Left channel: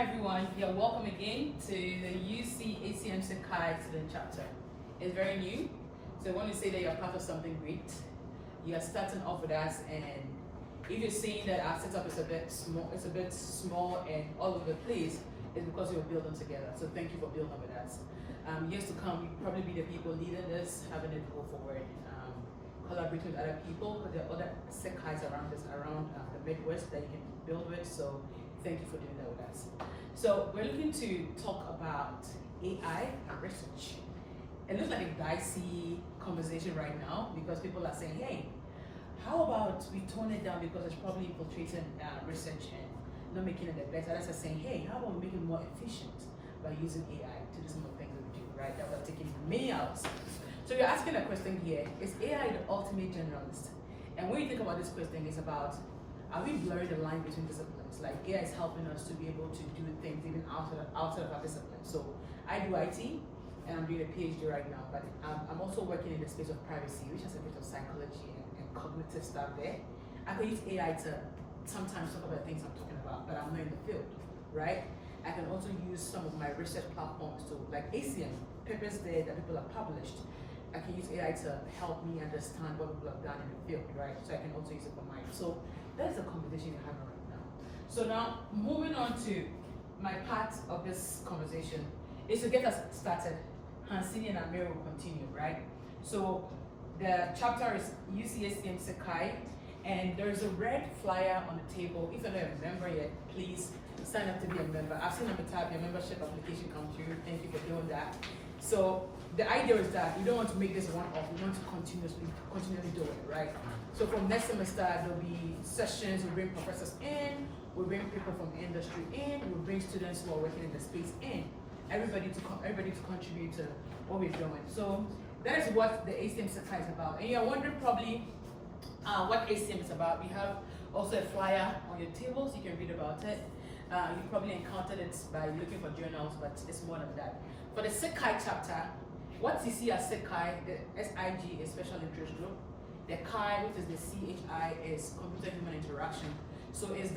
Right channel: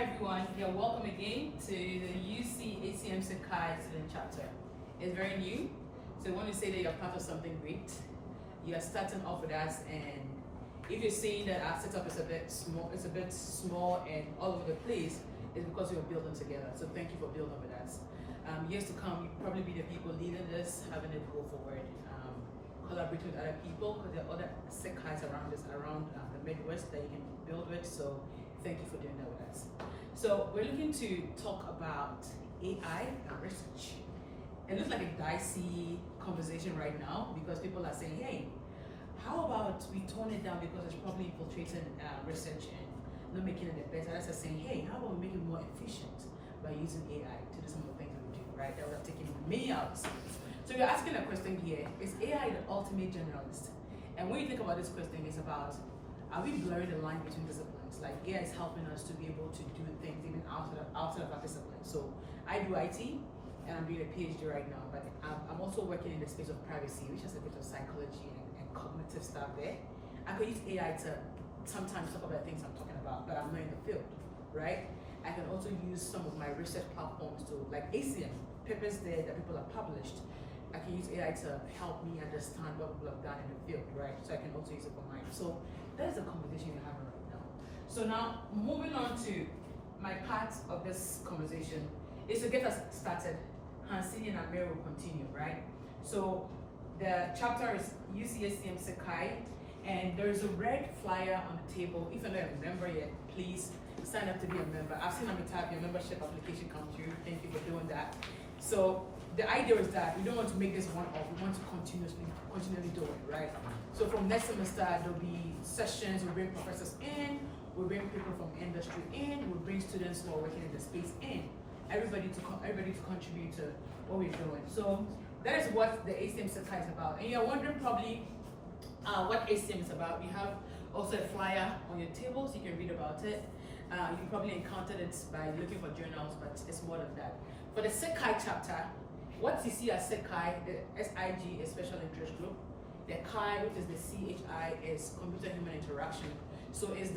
Hi everyone, you're welcome again to the SIGCHI student chapter. It's very new, so I want to say that you're part of something great. You are starting off with us, and if you're seeing that our setup is a bit small and all over the place, it's because we're building together. So thank you for building with us. Years to come, you'll probably be the people leading this, having it go forward, collaborating with other people, because there are other SIGCHIs around this, around the Midwest that you can build with. So thank you for doing that with us. So we're looking to talk about AI and research. It looks like a dicey conversation right now because people are saying, hey, how about we tone it down because it's probably infiltrating research and not making it the best. Others are saying, hey, how about we make it more efficient by using AI to do some of the things that we do, right? That would have taken many hours. So you're asking a question here, is AI the ultimate generalist? And when you think about this question, it's about, are we blurring the line between disciplines? Like AI is helping us to be able to do things even outside of our discipline. So I do IT, and I'm doing a PhD right now, but I'm also working in the space of privacy, which has a bit of psychology and cognitive stuff there. I could use AI to sometimes talk about things I'm talking about, but I'm not in the field, right? I can also use some of my research platforms to, like ACM, papers there that people have published. I can use AI to help me understand what people have done in the field, right? So I can also use it for mine. So that is the conversation we're having right now. So now, moving on to my part of this conversation is to get us started. Hansinie and Amir will continue, right? So the chapter is SIGCHI, and there is a red flyer on the table. If you're not a member yet, please sign up to be a member. I've seen Amitabh, your membership application come through. Thank you for doing that. So the idea is that we don't want to make this one-off. We want to continually do it, right? So from next semester, there'll be sessions. We'll bring professors in. We'll bring people from industry in. We'll bring students who are working in the space in. Everybody to contribute to what we're doing. So that is what the SIGCHI is about. And you're wondering probably what ACM is about. We have also a flyer on your tables. You can read about it. You probably encountered it by looking for journals, but it's more than that. For the SIGCHI chapter, what you see as SIGCHI, the SIG is Special Interest Group. The CHI, which is the CHI, is Computer-Human Interaction. So this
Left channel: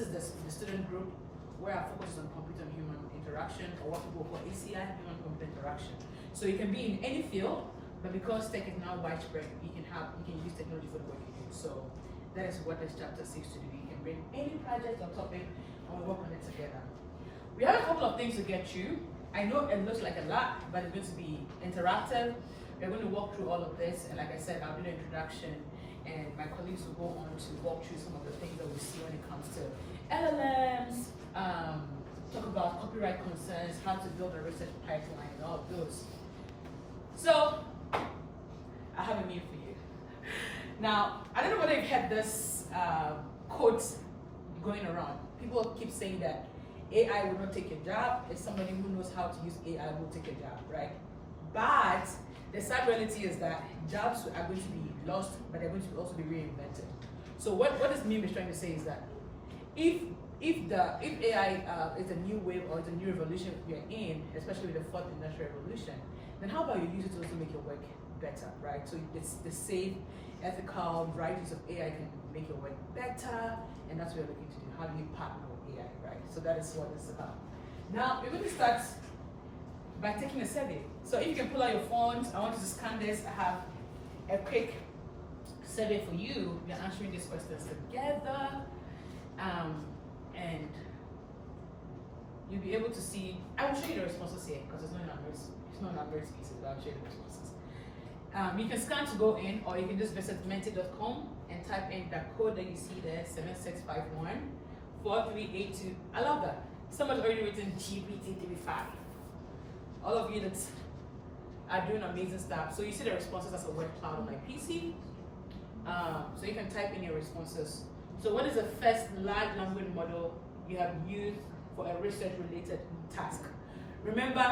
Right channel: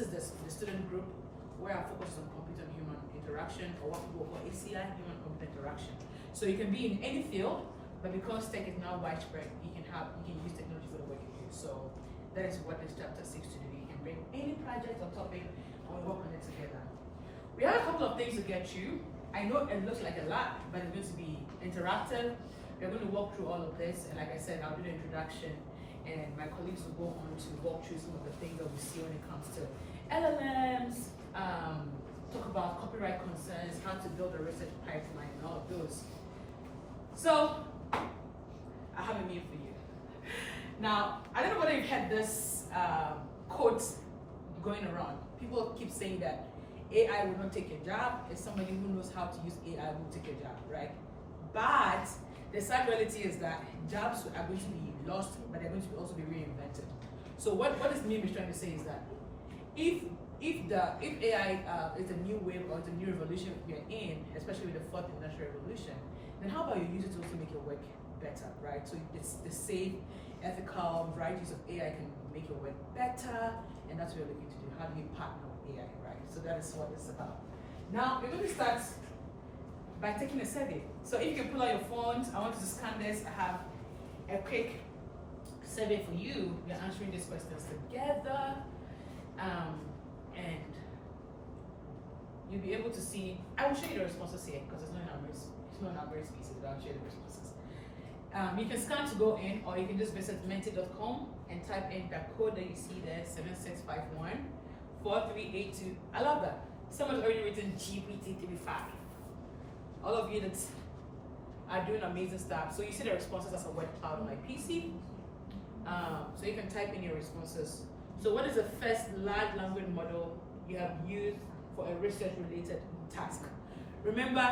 is the student group where our focus is on computer and human interaction, or what people call ACI, Human Computer Interaction. So you can be in any field, but because tech is now widespread, you can use technology for the work you do. So that is what this chapter seeks to do. You can bring any project or topic and we work on it together. We have a couple of things to get through. I know it looks like a lot, but it's going to be interactive. We're going to walk through all of this, and like I said, I'll do the introduction, and my colleagues will go on to walk through some of the things that we see when it comes to LLMs, talk about copyright concerns, how to build a research pipeline, and all of those. So, I have a new for you. Now, I don't know whether you've had this quote going around. People keep saying that AI will not take your job. As somebody who knows how to use AI will take your job, right? But the sad reality is that jobs are going to be lost, but they're going to also be reinvented. So what this meme is trying to say is that if AI is a new wave or it's a new revolution we're in, especially with the fourth industrial revolution, then how about you use it to also make your work better, right? So it's the safe, ethical, right use of AI can make your work better, and that's what we're looking to do. How do you partner with AI, right? So that is what it's about. Now, we're going to start by taking a survey. So if you can pull out your phones, I want you to scan this. I have a quick survey for you. We're answering these questions together. And you'll be able to see, I will show you the responses here because it's not in our very pieces, but I'll show you the responses. You can scan to go in, or you can just visit menti.com and type in the code that you see there, 7651 4382. I love that. Someone's already written GPT-35. All of you that are doing amazing stuff. So you see the responses as a word cloud on my PC. So you can type in your responses. So what is the first large language model you have used for a research-related task? Remember,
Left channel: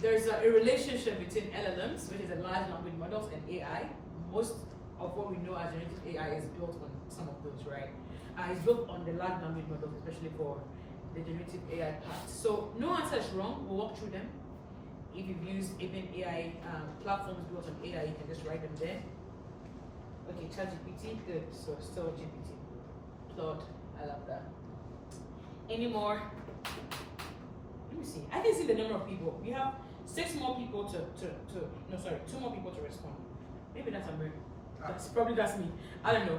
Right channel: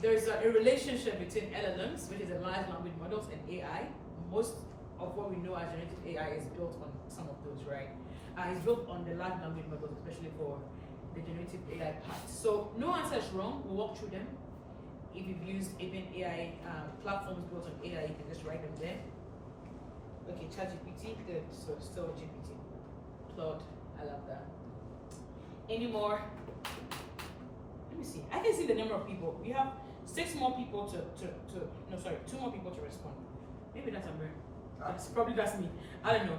there's a relationship between LLMs, which is the large language models, and AI. Most of what we know as generative AI is built on some of those, right? It's built on the large language models, especially for the generative AI part. So no answer is wrong. We'll walk through them. If you've used even AI platforms built on AI, you can just write them there. Okay, ChatGPT, good. So still GPT. Claude, I love that. Any more? Let me see. I can see the number of people. We have 6 more people two more people to respond. Maybe that's Amir. That's me. I don't know.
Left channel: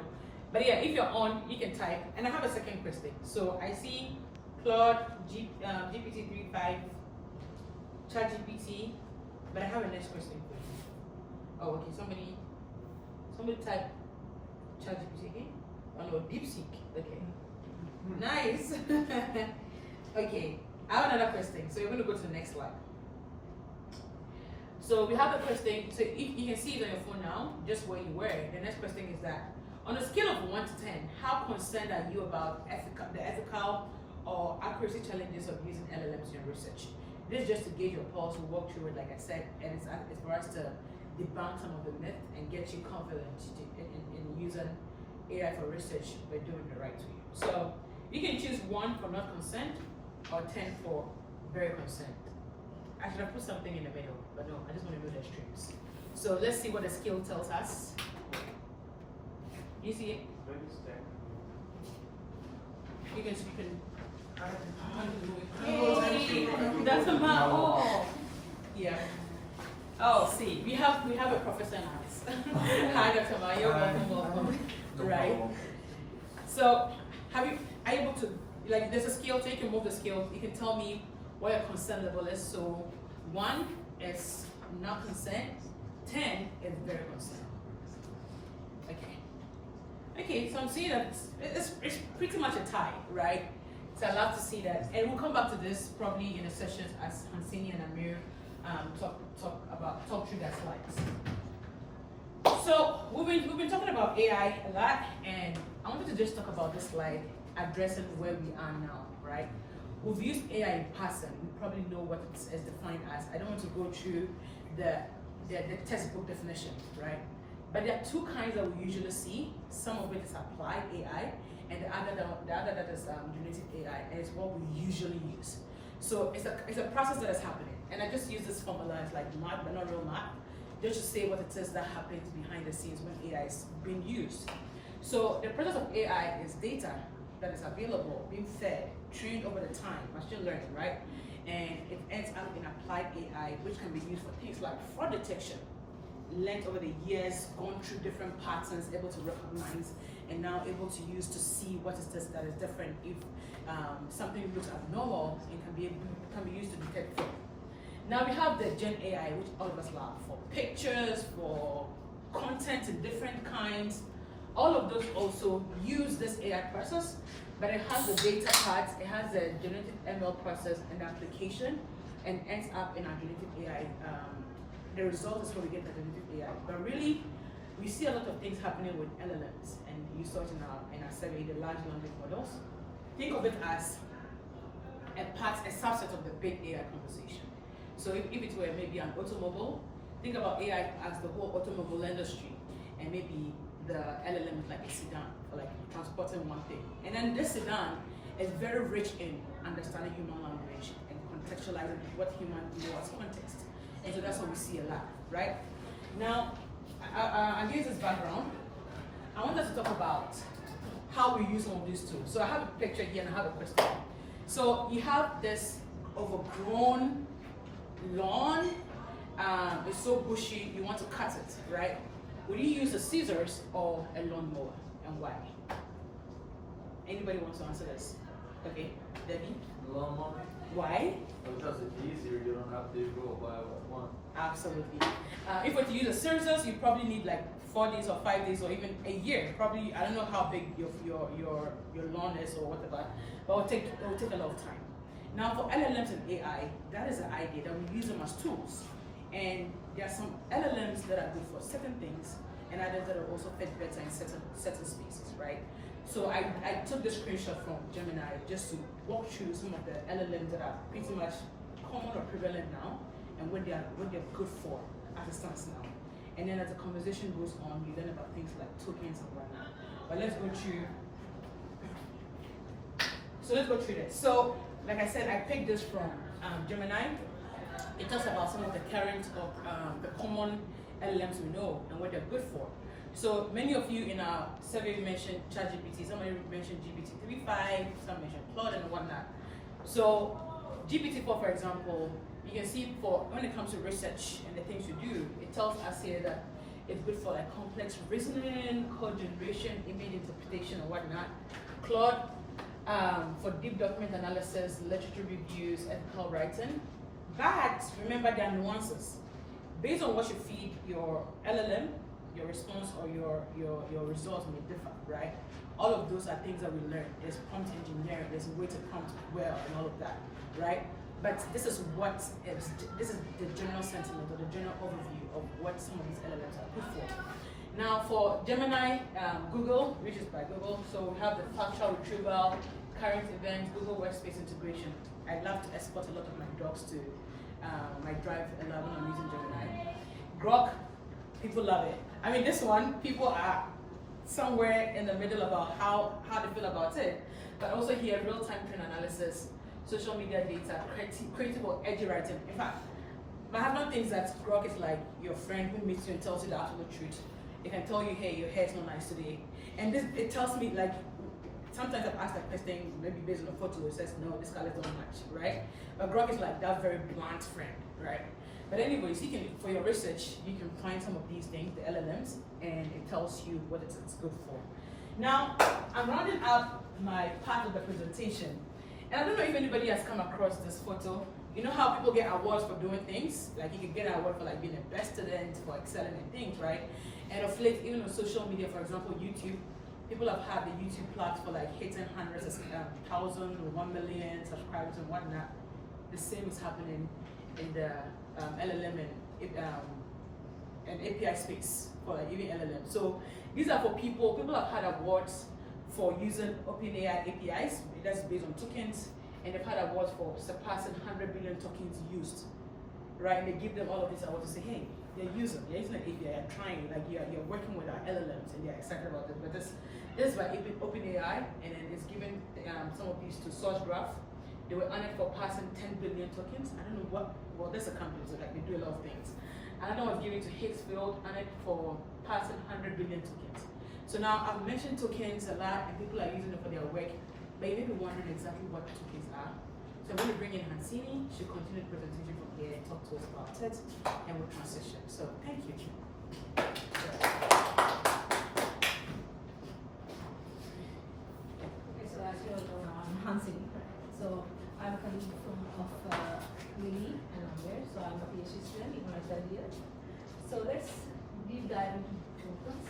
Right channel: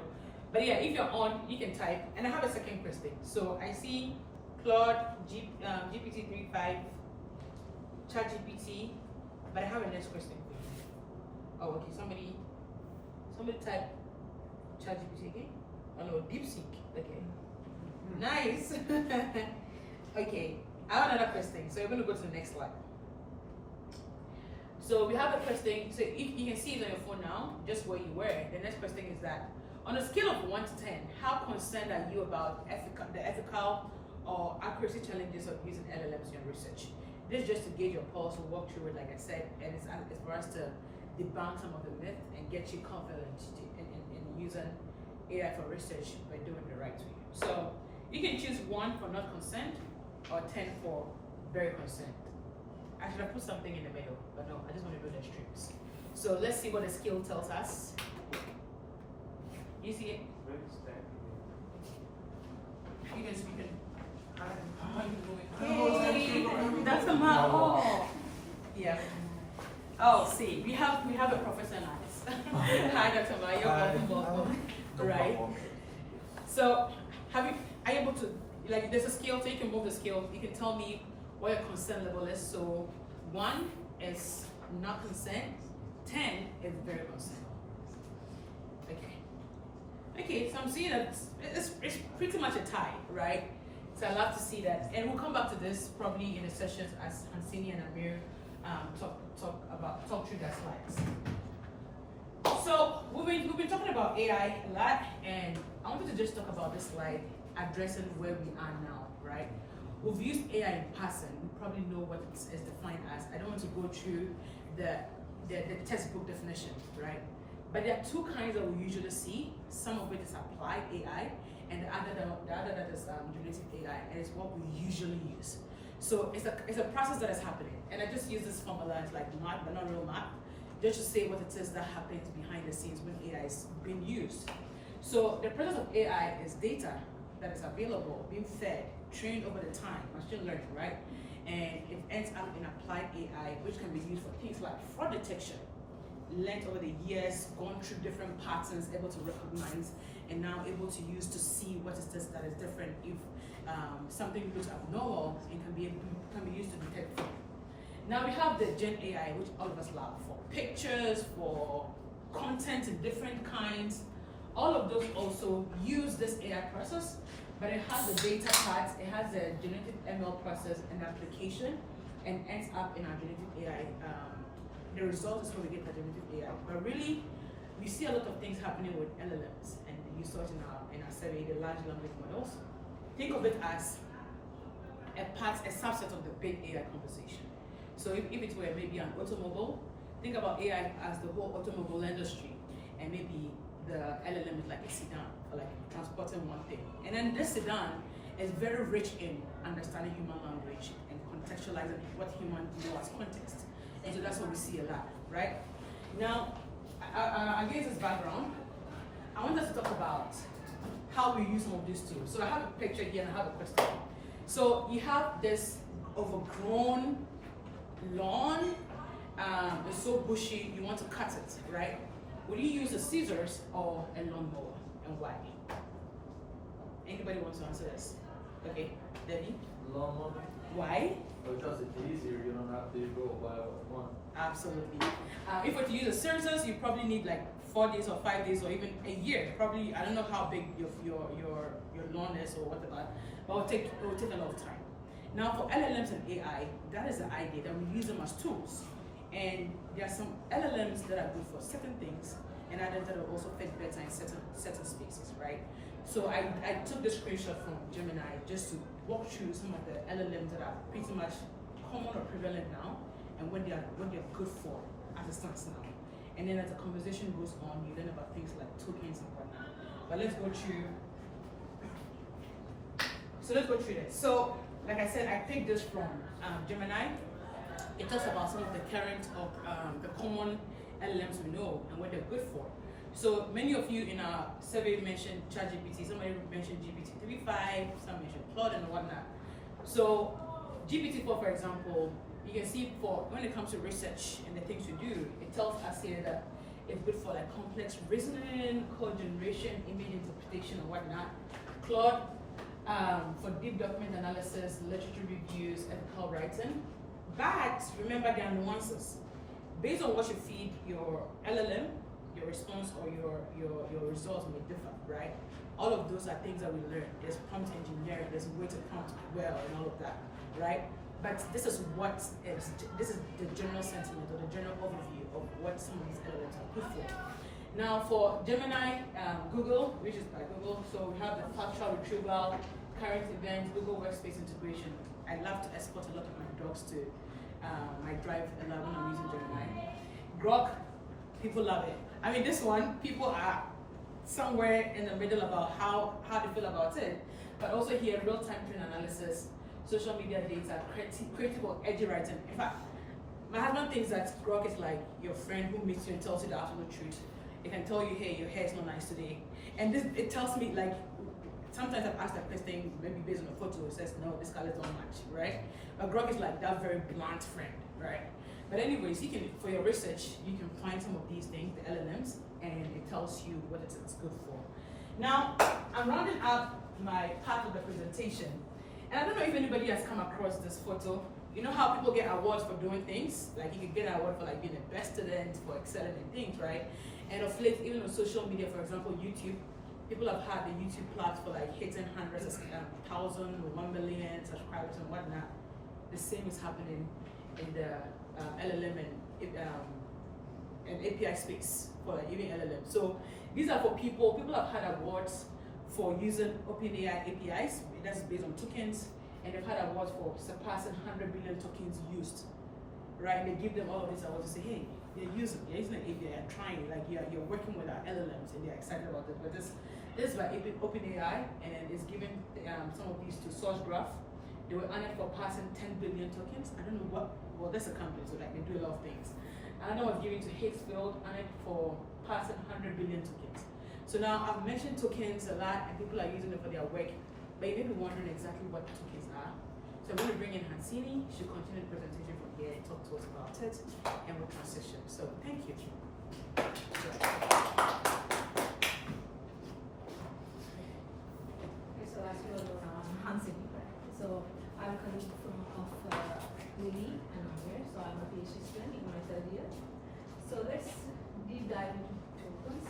But yeah, if you're on, you can type. And I have a second question. So I see Claude, GPT-3.5, ChatGPT, but I have a next question for you. Oh, okay. Somebody type ChatGPT again. Oh no, DeepSeek. Okay. Nice. Okay. I have another question. So we're going to go to the next slide. So we have the question. So if you can see it on your phone now, just where you were. The next question is that on a scale of 1 to 10, how concerned are you about the ethical or accuracy challenges of using LLMs in your research? This is just to gauge your pulse. We'll walk through it, like I said, and it's for us to debunk some of the myth and get you confident in using AI for research by doing the right way. So you can choose 1 for not concerned or 10 for very concerned. I should have put something in the middle, but no, I just want to do the extremes. So let's see what the scale tells us. You see it? You can. Hey, that's a map. Oh, yeah. Oh, see, we have a professor in us. Hi, Dr. Ma, you're welcome. Right. So, are you able to, like, there's a scale, so you can move the scale. You can tell me what your concern level is. So, 1 is not concerned, 10 is very concerned. Okay, so I'm seeing that it's pretty much a tie, right? So I love to see that, and we'll come back to this probably in the sessions as Hansinie and Amir talk through their slides. So we've been talking about AI a lot, and I wanted to just talk about this slide addressing where we are now, right? We've used AI in passing. We probably know what it's defined as. I don't want to go through the textbook definition, right? But there are 2 kinds that we usually see. Some of it is applied AI, and the other that is generative AI, and it's what we usually use. So it's a process that is happening, and I just use this formula as like math, but not real math, just to say what it is that happens behind the scenes when AI is being used. So the process of AI is data that is available, being fed, trained over the time, machine learning, right? And it ends up in applied AI, which can be used for things like fraud detection, learned over the years, gone through different patterns, able to recognize, and now able to use to see what is this that is different. If something looks abnormal, it can be used to detect fraud. Now we have the Gen AI, which all of us love, for pictures, for content in different kinds. All of those also use this AI process, but it has the data part, it has the generative ML process and the application, and ends up in our generative AI. The result is how we get the generative AI. But really, we see a lot of things happening with LLMs, and you saw it in our survey, the large language models. Think of it as a subset of the big AI conversation. So if it were maybe an automobile, think about AI as the whole automobile industry, and maybe the LLM is like a sedan, or like transporting one thing. And then this sedan is very rich in understanding human language and contextualizing what humans know as context. And so that's what we see a lot, right? Now, against this background, I want us to talk about how we use some of these tools. So I have a picture here and I have a question. So you have this overgrown lawn, it's so bushy, you want to cut it, right? Would you use the scissors or a lawnmower, and why? Anybody want to answer this? Okay, Debbie? Lawnmower. Why? Because it's easier, you don't have to go by one. Absolutely. If we're to use the scissors, you probably need like 4 days or 5 days or even a year. Probably, I don't know how big your lawn is or whatever, but it will take a lot of time. Now for LLMs and AI, that is the idea that we use them as tools. And there are some LLMs that are good for certain things, and others that are also fit better in certain spaces, right? So I took this screenshot from Gemini just to walk through some of the LLMs that are pretty much common or prevalent now, and what they're good for as it stands now. And then as the conversation goes on, you learn about things like tokens and whatnot. But let's go through. So let's go through that. So, like I said, I picked this from Gemini. It talks about some of the current of the common LLMs we know and what they're good for. So many of you in our survey mentioned ChatGPT, somebody mentioned GPT-3.5, some mentioned Claude and whatnot. So GPT-4, for example, you can see for when it comes to research and the things you do, it tells us here that it's good for like complex reasoning, code generation, image interpretation and whatnot. Claude for deep document analysis, literature reviews, ethical writing. But remember there are nuances. Based on what you feed your LLM, your response or your results may differ, right? All of those are things that we learn. There's prompt engineering, there's a way to prompt well and all of that, right? But this is this is the general sentiment or the general overview of what some of these LLMs are good for. Now for Gemini, Google, which is by Google, so we have the factual retrieval, current events, Google Workspace integration. I love to export a lot of my docs to my Drive 11 when I'm using Gemini. Grok, people love it. I mean, this one, people are somewhere in the middle about how they feel about it, but also here, real-time trend analysis, social media data, creative or edgy writing. In fact, my husband thinks that Grok is like your friend who meets you and tells you the absolute truth. It can tell you, hey, your hair is not nice today. And this, it tells me, like, sometimes I've asked that question, maybe based on a photo, it says, no, this colors don't match, right? But Grok is like that very blunt friend, right? But anyways, you can, for your research, you can find some of these things, the LLMs, and it tells you what it's good for. Now, I'm rounding up my part of the presentation. And I don't know if anybody has come across this photo. You know how people get awards for doing things? Like you could get an award for like being the best student, for excelling in things, right? And of late, even on social media, for example, YouTube, people have had the YouTube plaques for like hitting hundreds of thousands or 1 million subscribers and whatnot. The same is happening in the LLM and API space for like even LLM. So these are for people have had awards for using OpenAI APIs, that's based on tokens, and they've had awards for surpassing 100 billion tokens used, right? And they give them all of these awards to say, hey, they're using an API, you're trying, like you're working with our LLMs, and they're excited about it. But this is by OpenAI, and then it's given some of these to SourceGraph. They were honored for passing 10 billion tokens. I don't know what, well, that's a company, so like they do a lot of things. Another one was given to Higgsfield, honored for passing 100 billion tokens. So now I've mentioned tokens a lot, and people are using it for their work, but you may be wondering exactly what tokens are. So I'm going to bring in Hansinie. She'll continue the presentation from here and talk to us about it, and we'll transition. So thank you. Okay, so as you all know, I'm Hansinie. So I'm a colleague of Lily and Amir. So I'm a PhD student in my third year. So let's deep dive into tokens.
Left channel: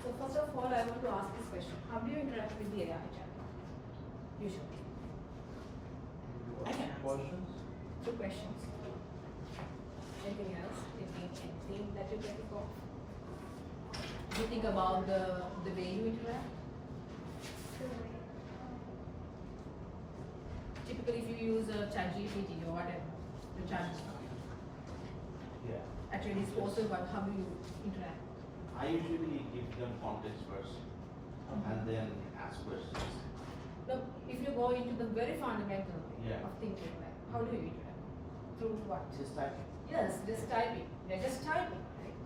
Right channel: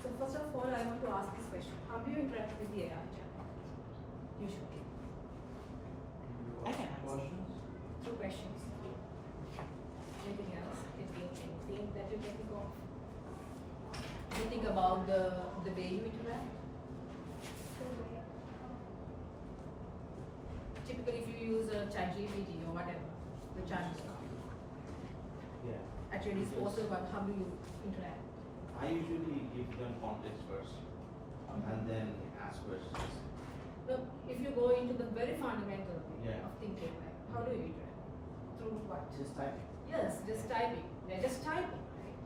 So first of all, I want to ask this question: how do you interact with the AI chatbot? Usually. Questions? Two questions. Anything else? Anything that you can think of? Do you think about the way you interact? Typically, if you use a ChatGPT or whatever, the chat is not. Yeah. At your disposal, but how do you interact? I usually give them context first and then ask questions. No, if you go into the very fundamental Yeah. of thinking, right? How do you interact? Through what? Just typing. Yes, just typing. You're just typing, right?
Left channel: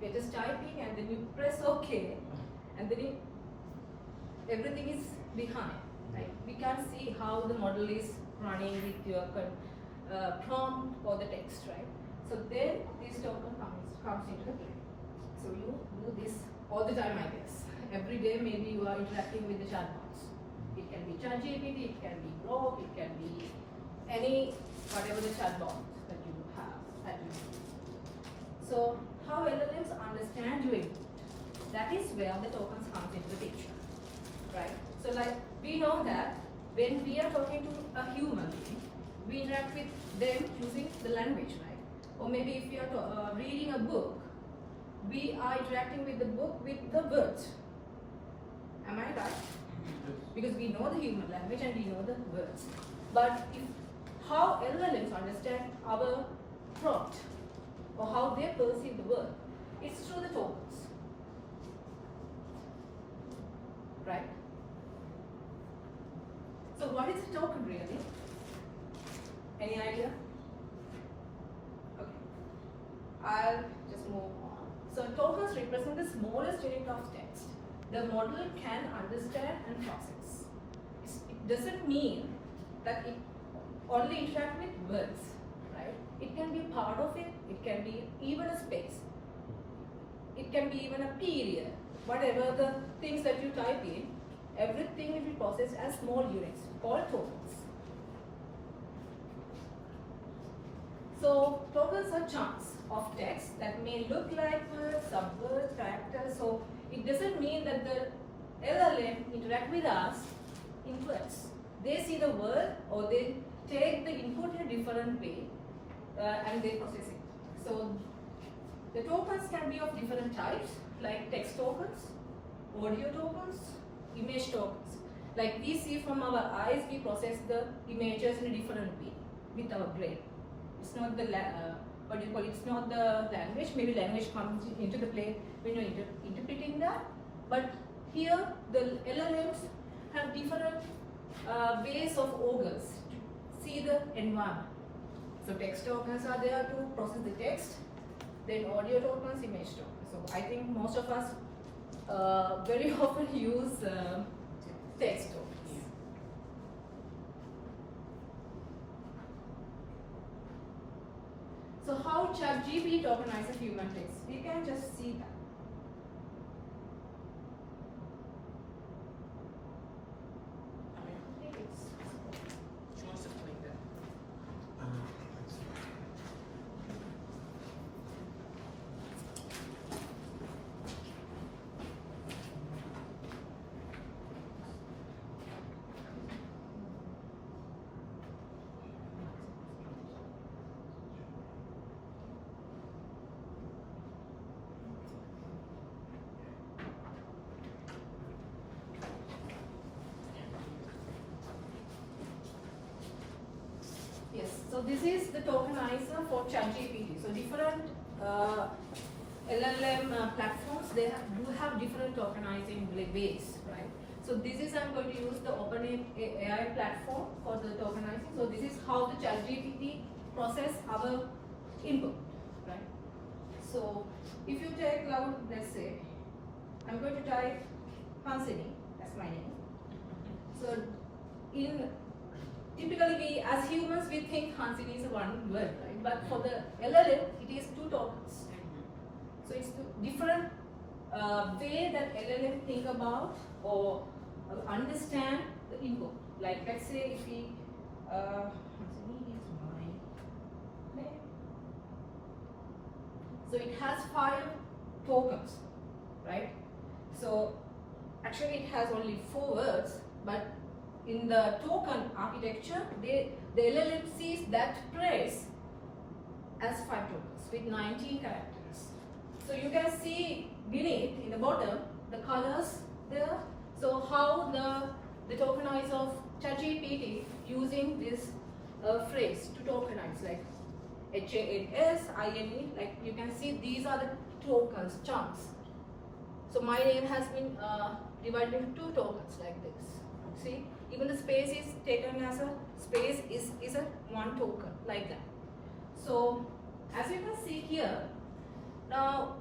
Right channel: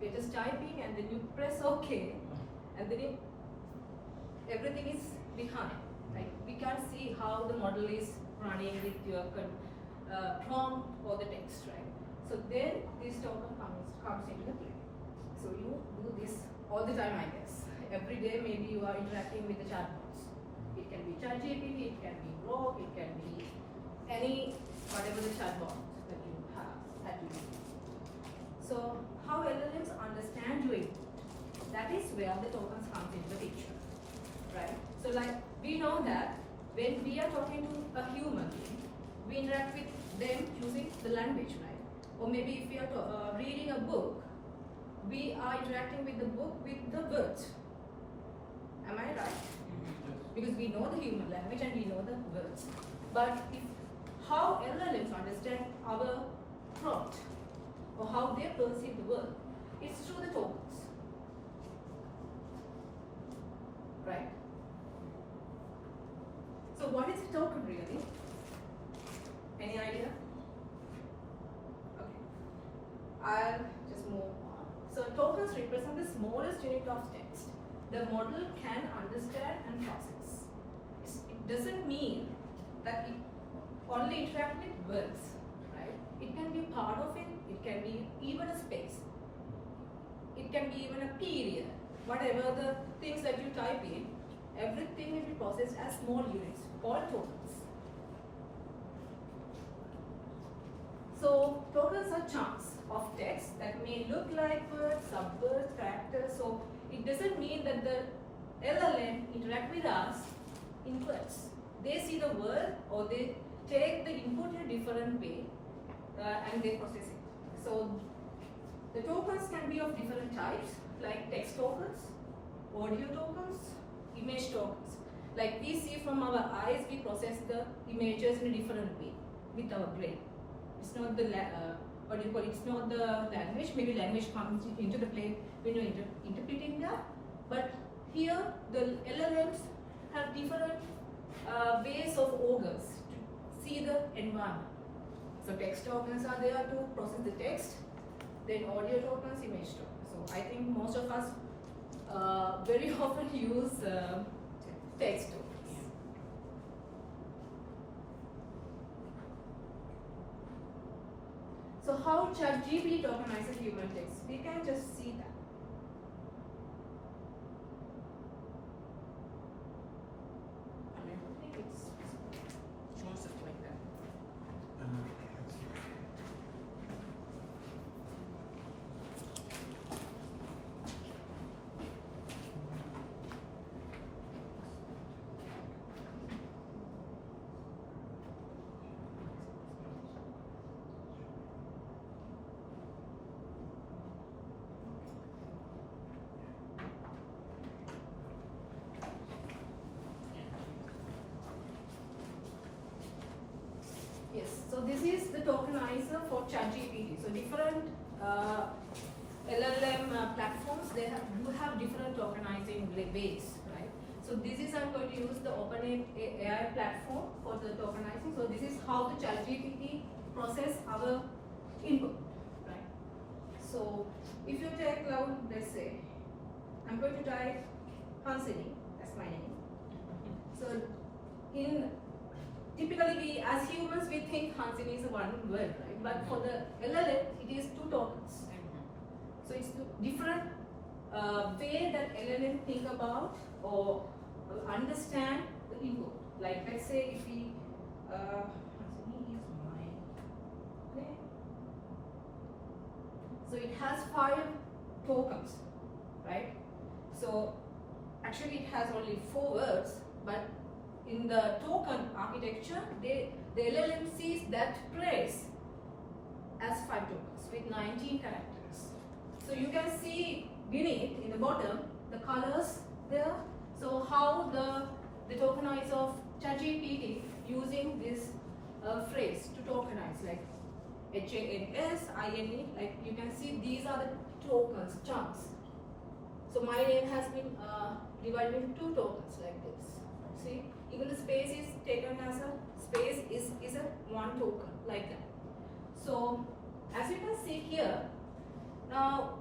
You're just typing and then you press OK, and then everything is behind, right? We can't see how the model is running with your prompt or the text, right? So then this token comes into play. So you do this all the time, I guess. Every day, maybe you are interacting with the chatbots. It can be ChatGPT, it can be Grok, it can be whatever the chatbot that you have at your disposal. So how LLMs understand your input? That is where the tokens comes into the picture, right? So like we know that when we are talking to a human being, we interact with them using the language, right? Or maybe if we are reading a book, we are interacting with the book with the words. Am I right? Because we know the human language and we know the words. But how LLMs understand our prompt or how they perceive the word, it's through the tokens. Right? So what is a token really? Any idea? Okay. I'll just move on. So tokens represent the smallest unit of text the model can understand and process. It doesn't mean that it only interact with words, right? It can be part of it, it can be even a space, it can be even a period. Whatever the things that you type in, everything will be processed as small units, called tokens. So tokens are chunks of text that may look like words, subwords, characters. So it doesn't mean that the LLM interact with us in words. They see the word or they take the input in a different way and they process it. So the tokens can be of different types, like text tokens, audio tokens, image tokens. Like we see from our eyes, we process the images in a different way with our brain. It's not the what do you call it? It's not the language. Maybe language comes into the play when you're interpreting that. But here, the LLMs have different ways of organs to see the environment. So text tokens are there to process the text. Then audio tokens, image tokens. So I think most of us very often use text tokens. So how ChatGPT tokenizes human text? We can just see that. I think it's yes, so this is the tokenizer for ChatGPT. So different LLM platforms, they do have different tokenizing ways, right? So this is, I'm going to use the OpenAI platform for the tokenizing. So this is how the ChatGPT process our input, right? So if you take now, let's say, I'm going to type Hansinie, that's my name. So typically we, as humans, we think Hansinie is one word, right? But for the LLM, it is two tokens. So it's different way that LLM think about or understand the input. Like let's say if we, Hansinie is my name. So it has 5 tokens, right? So actually it has only 4 words, but in the token architecture, the LLM sees that phrase as 5 tokens with 19 characters. So you can see beneath, in the bottom, the colors there. So how the tokenizer of ChatGPT using this phrase to tokenize, like HANSINE, like you can see these are the tokens, chunks. So my name has been divided into 2 tokens like this. See, even the space is taken as a space is a 1 token like that. So as you can see here, now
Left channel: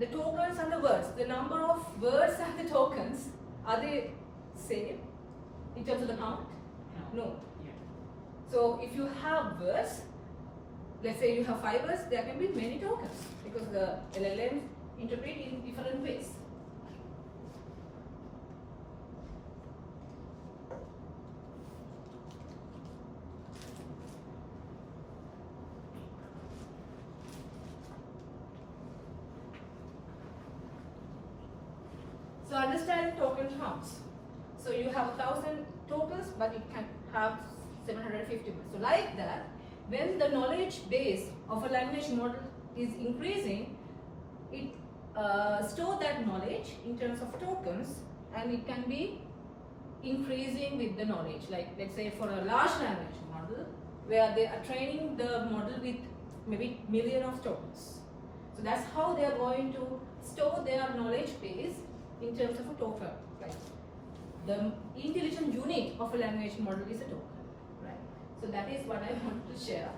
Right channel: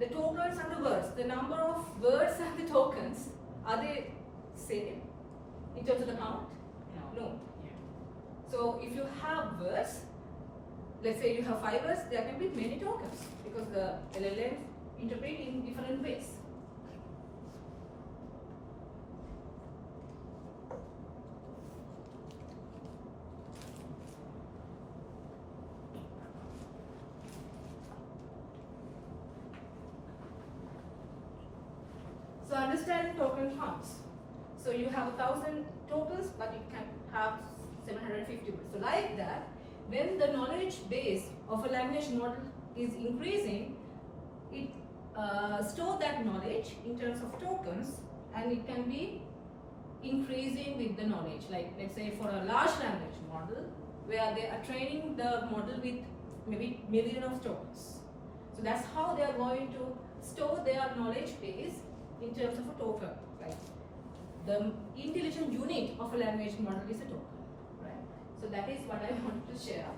the tokens and the words, the number of words and the tokens, are they same in terms of the count? No. So if you have words, let's say you have 5 words, there can be many tokens because the LLMs interpret in different ways. So understand token counts. So you have 1,000 tokens, but it can have 750 words. So like that, when the knowledge base of a language model is increasing, it stores that knowledge in terms of tokens, and it can be increasing with the knowledge. Like let's say for a large language model, where they are training the model with maybe millions of tokens. So that's how they are going to store their knowledge base in terms of a token, right? The intelligent unit of a language model is a token, right? So that is what I want to share.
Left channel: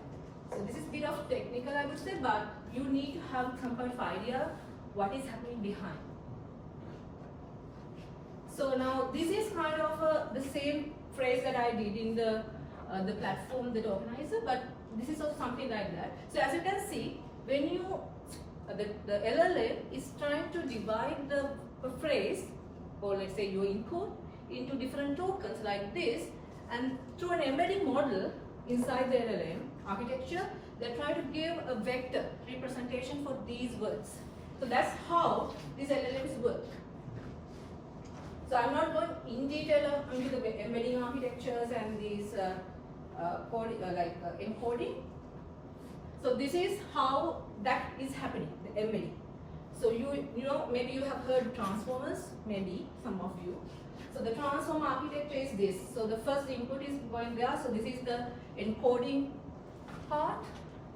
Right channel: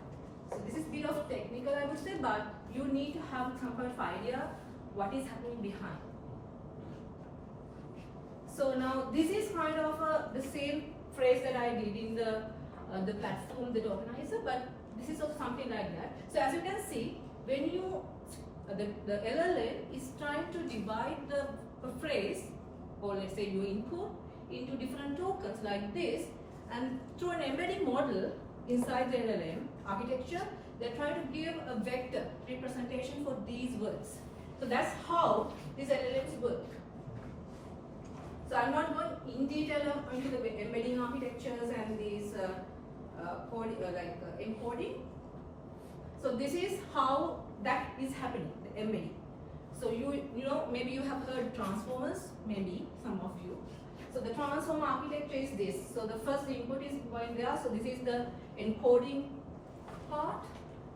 So this is a bit of technical, I would say, but you need to have some kind of idea what is happening behind. So now this is kind of the same phrase that I did in the platform, the tokenizer, but this is of something like that. So as you can see, when you the LLM is trying to divide the phrase, or let's say your input, into different tokens like this, and through an embedding model inside the LLM architecture, they're trying to give a vector representation for these words. So that's how these LLMs work. So I'm not going in detail into the embedding architectures and these encoding. So this is how that is happening, the embedding. So you know, maybe you have heard transformers, maybe some of you. So the transform architecture is this. So the first input is going there. So this is the encoding part.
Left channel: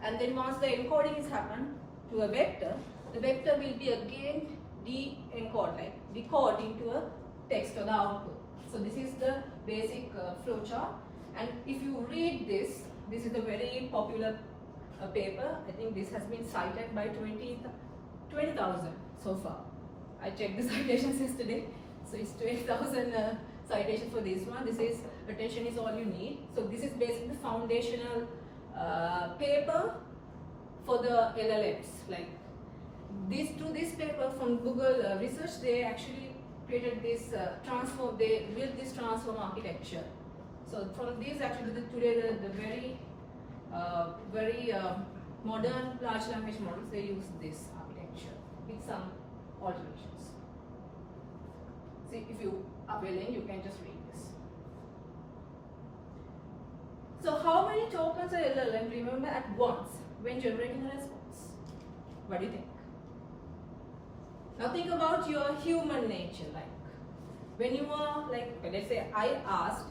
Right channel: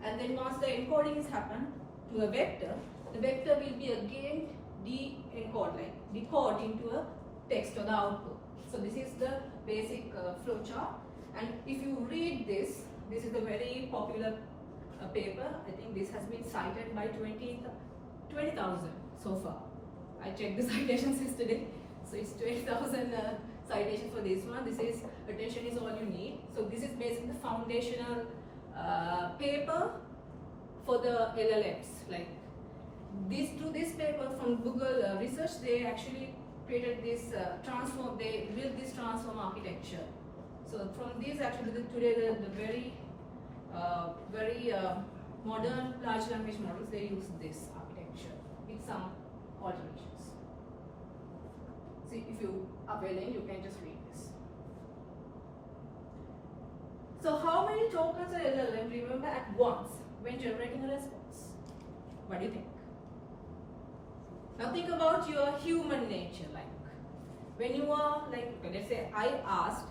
And then once the encoding is happened to a vector, the vector will be again decode into a text or the output. So this is the basic flowchart. And if you read this is a very popular paper. I think this has been cited by 20,000 so far. I checked the citations yesterday. So it's 20,000 citations for this one. This is attention is all you need. So this is basically the foundational paper for the LLMs. Like this paper from Google research, they actually created this transform. They built this transform architecture. So from this, actually, today the very modern large language models, they use this architecture with some alterations. See, if you are willing, you can just read this. So how many tokens an LLM remember at once when generating a response? What do you think? Now think about your human nature. Like when you are let's say I asked,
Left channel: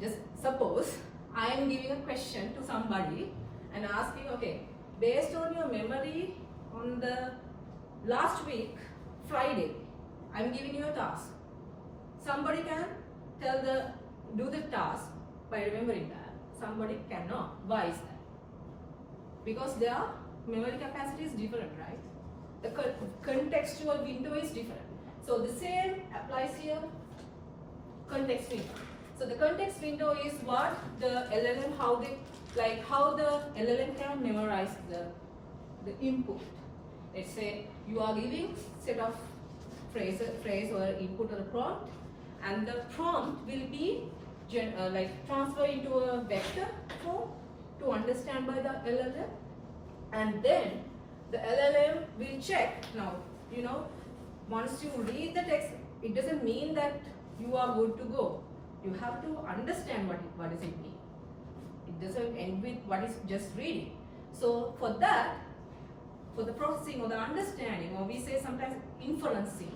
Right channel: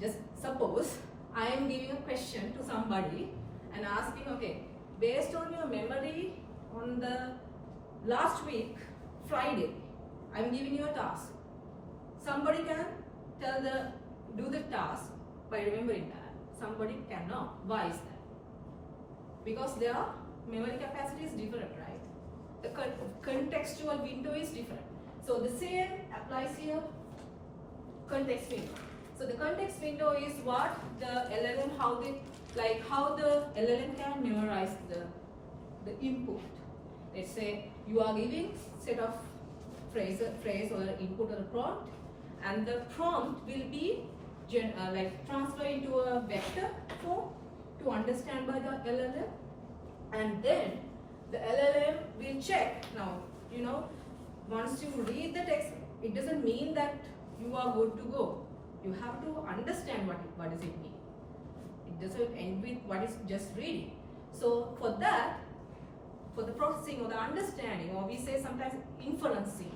just suppose I am giving a question to somebody and asking, okay, based on your memory on the last week, Friday, I'm giving you a task. Somebody can do the task by remembering that. Somebody cannot. Why is that? Because their memory capacity is different, right? The contextual window is different. So the same applies here, context window. So the context window is what the LLM, how the LLM can memorize the input. Let's say you are giving set of phrase or input or a prompt, and the prompt will be transferred into a vector form to understand by the LLM, and then the LLM will check. Now, once you read the text, it doesn't mean that you are good to go. You have to understand what does it mean. It doesn't end with what is just reading. So for that, for the processing or the understanding, or we say sometimes inferencing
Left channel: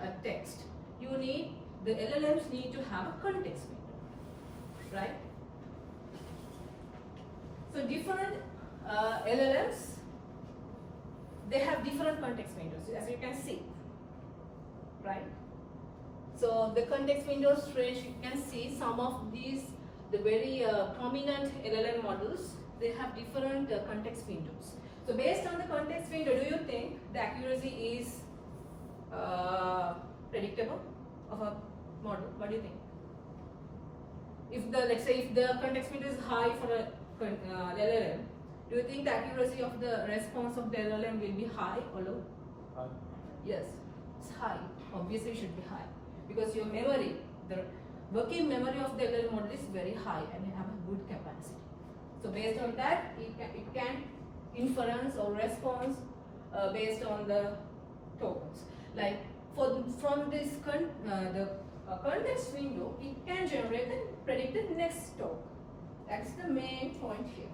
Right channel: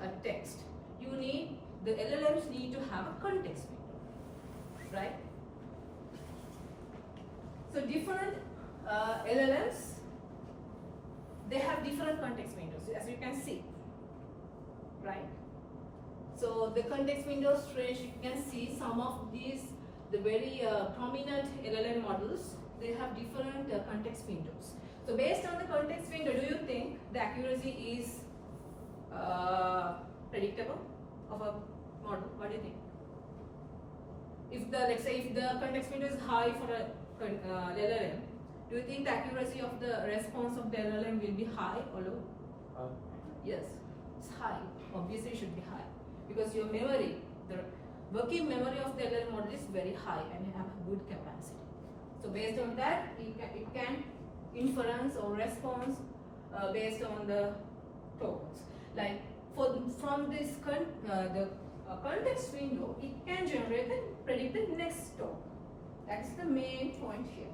a text, the LLMs need to have a context window, right? So different LLMs, they have different context windows, as you can see, right? So the context windows range, you can see some of these, the very prominent LLM models, they have different context windows. So based on the context window, do you think the accuracy is predictable of a model? What do you think? Let's say if the context window is high for a LLM, do you think the accuracy of the response of the LLM will be high or low? High. Yes, it's high. Obviously, it should be high because your memory, the working memory of the LLM model is very high and have a good capacity. So based on that, it can inference or response based on the tokens. Like from this the context window, it can generate and predict the next token. That's the main point here.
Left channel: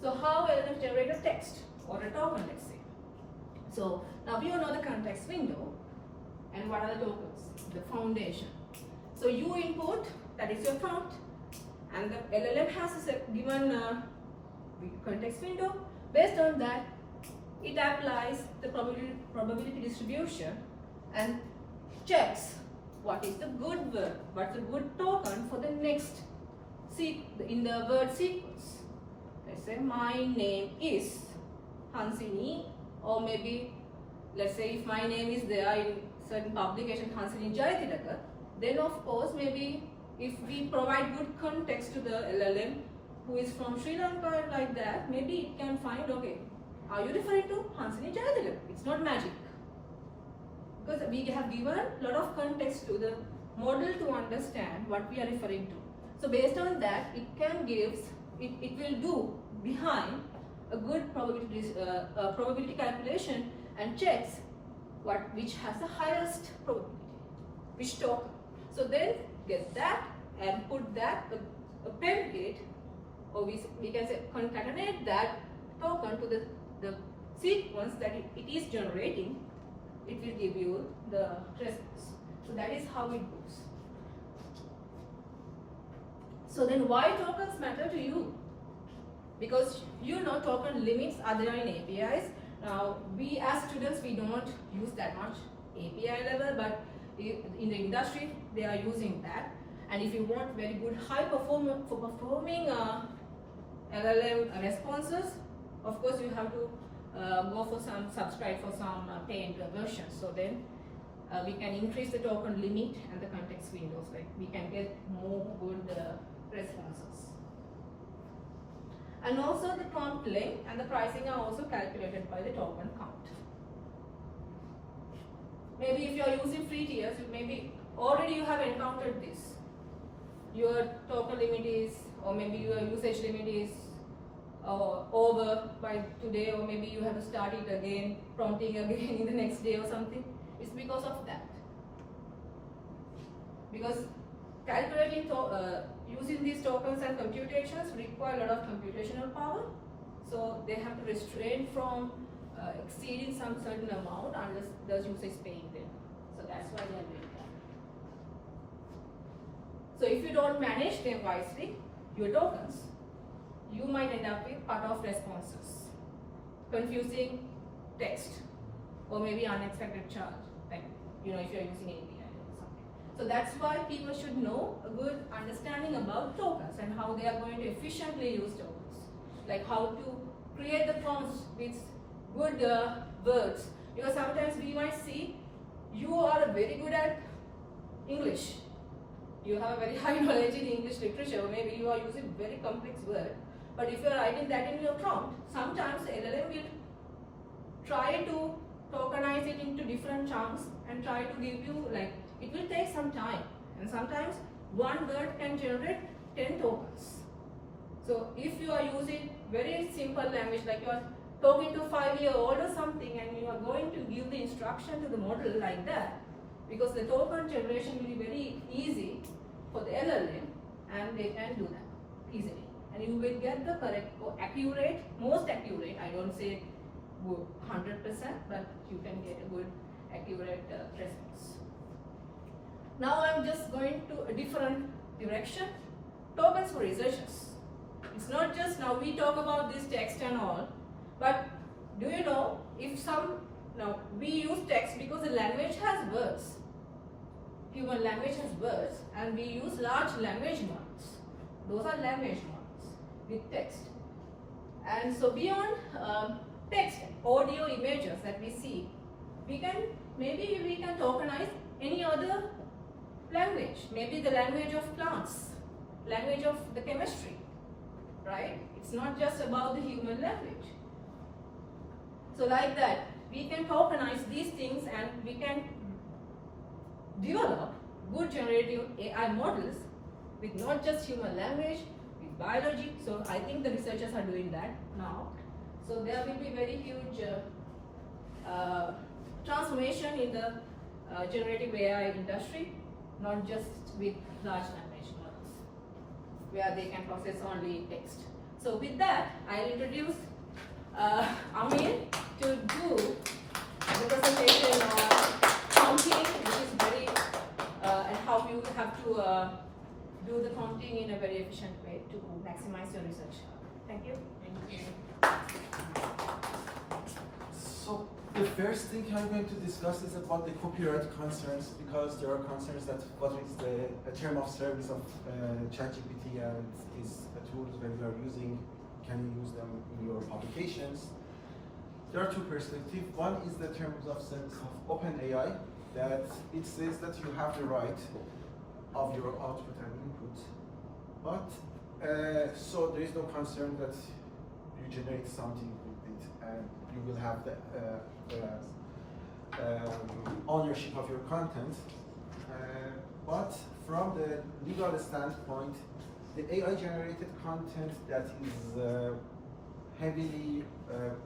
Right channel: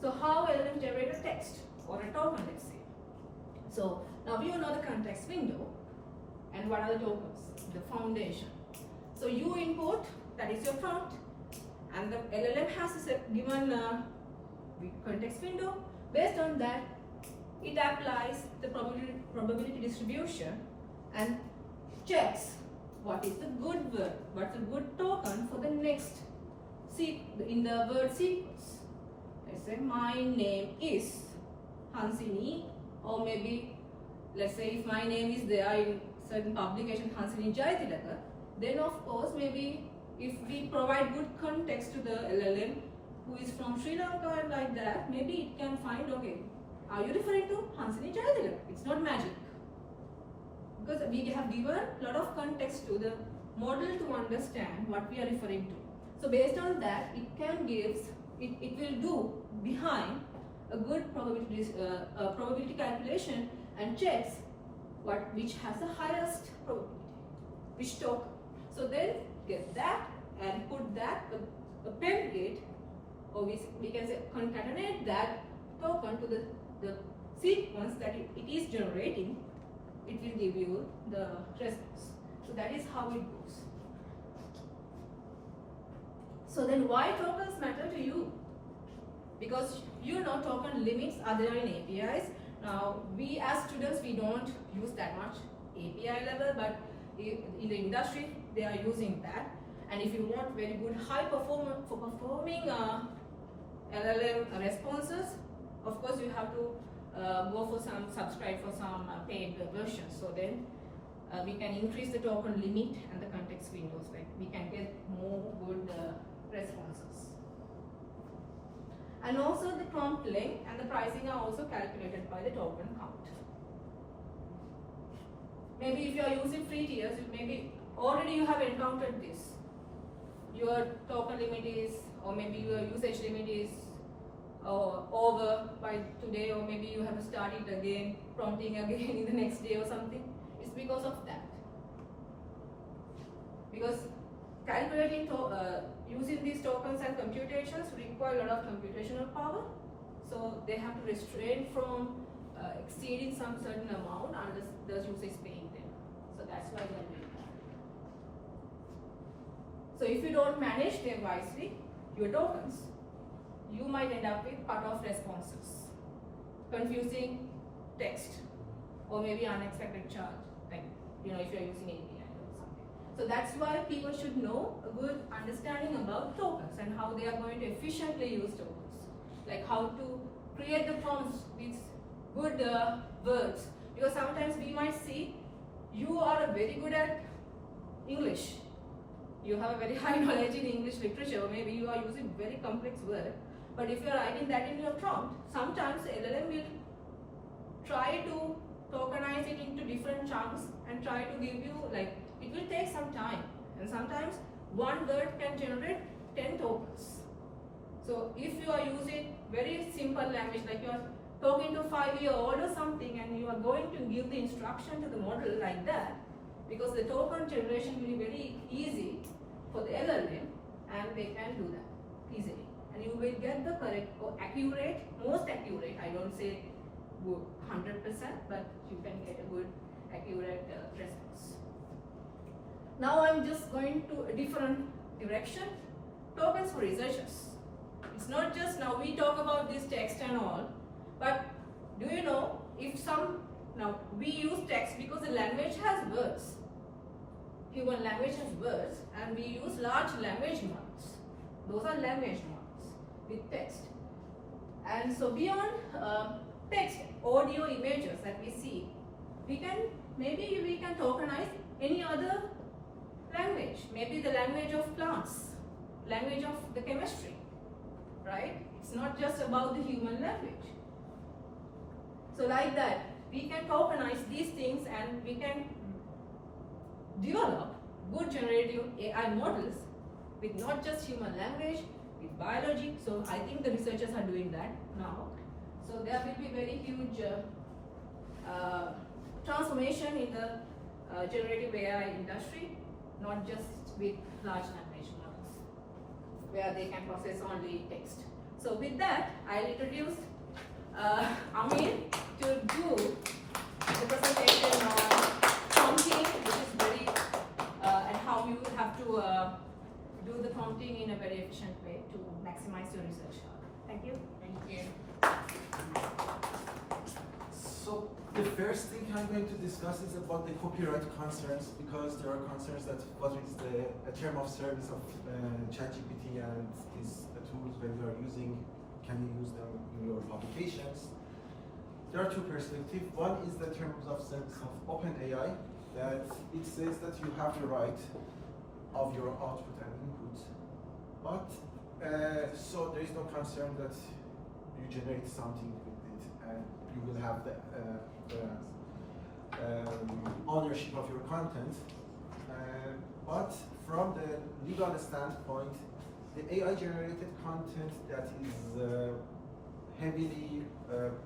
So how LLM generate a text or a token, let's say. So now you know the context window and what are the tokens, the foundation. So you input, that is your prompt, and the LLM has a given context window. Based on that, it applies the probability distribution and checks what is the good word, what's the good token for the next in the word sequence. Let's say my name is Hansinie, or maybe, let's say if my name is there in certain publication, Hansinie Jayathilake, then of course maybe if we provide good context to the LLM who is from Sri Lanka and like that, maybe it can find, okay, are you referring to Hansinie Jayathilake? It's not magic. Because we have given a lot of context to the model to understand what we are referring to. So based on that, it can give, it will do behind a good probability calculation and checks which has the highest probability, which token. So then get that and put that, aggregate, or we can say concatenate that token to the sequence that it is generating, it will give you the response. So that is how it goes. So then why tokens matter to you? Because you know token limits are there in APIs. Now we as students, we don't use that much API level, but in the industry they are using that. And if you want very good high performing LLM responses, of course you have to go for some subscribe for some paid versions. So then we can increase the token limit and the context windows, like we can get more good responses. And also the prompt length and the pricing are also calculated by the token count. Maybe if you are using free tiers, maybe already you have encountered this. Your token limit is, or maybe your usage limit is over by today, or maybe you have to start it again, prompting again in the next day or something. It's because of that. Because calculating, using these tokens and computations require a lot of computational power. So they have to restrain from exceeding some certain amount unless the user is paying them. So that's why they are doing that. So if you don't manage them wisely, your tokens, you might end up with cut-off responses, confusing text, or maybe unexpected charge, like if you're using API or something. So that's why people should know a good understanding about tokens and how they are going to efficiently use tokens, like how to create the prompts with good words. Because sometimes we might see you are very good at English, you have a very high knowledge in English literature, or maybe you are using very complex words. But if you are writing that in your prompt, sometimes LLM will try to tokenize it into different chunks and try to give you, like, it will take some time. And sometimes one word can generate 10 tokens. So if you are using very simple language, like you are talking to a 5-year-old or something, and you are going to give the instruction to the model like that, because the token generation will be very easy for the LLM, and they can do that easily. And you will get the correct or accurate, most accurate, I don't say good 100%, but you can get a good accurate response. Now I'm just going to a different direction. Tokens for researchers. It's not just now we talk about this text and all, but do you know if now we use text because the language has words. Human language has words, and we use large language models. Those are language models with text. And so beyond text, audio, images that we see, maybe we can tokenize any other language. Maybe the language of plants, language of the chemistry, right? It's not just about the human language. So like that, we can tokenize these things, and we can develop good generative AI models with not just human language, with biology. So I think the researchers are doing that now. So there will be very huge transformation in the generative AI industry, not just with large language models, where they can process only text. So with that, I'll introduce Amir to do the presentation on prompting, which is very, and how you have to do the prompting in a very efficient way to maximize your research. Thank you. Thank you. So the first thing I'm going to discuss is about the copyright concerns, because there are concerns that what is the term of service of ChatGPT and these tools when you are using, can you use them in your publications? there are two perspectives. One is the terms of sense of OpenAI, that it says that you have the right of your output and input, but so there is no concern that you generate something with it and you will have the ownership of your content. But from the legal standpoint, the AI-generated content that is heavily,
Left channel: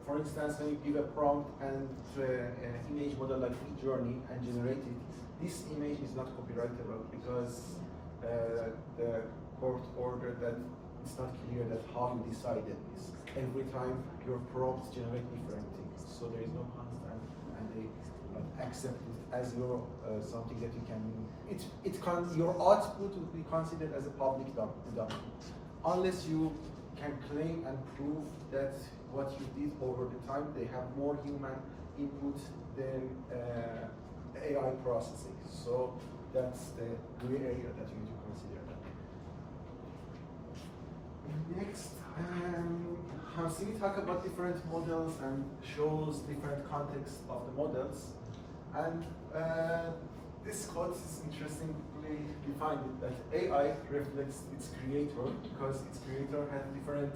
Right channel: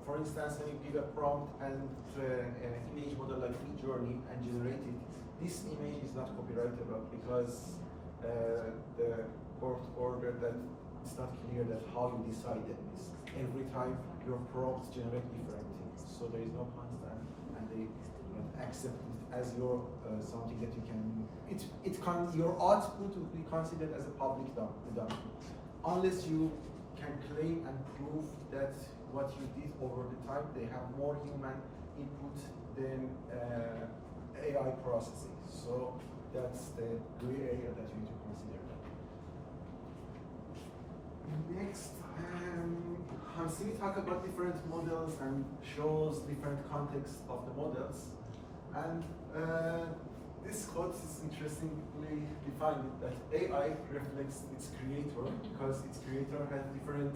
for instance, when you give a prompt and an image model like Midjourney and generate it, this image is not copyrightable because the court ordered that it's not clear that how you decided this. Every time your prompts generate different things, so there is no constant, and they accept it as your something that you can. Your output will be considered as a public domain, unless you can claim and prove that what you did over the time they have more human input than AI processing. So that's the gray area that you need to consider. Next, Hansinie talk about different models and shows different contexts of the models. And this quote is interestingly defined that AI reflects its creator because its creator has different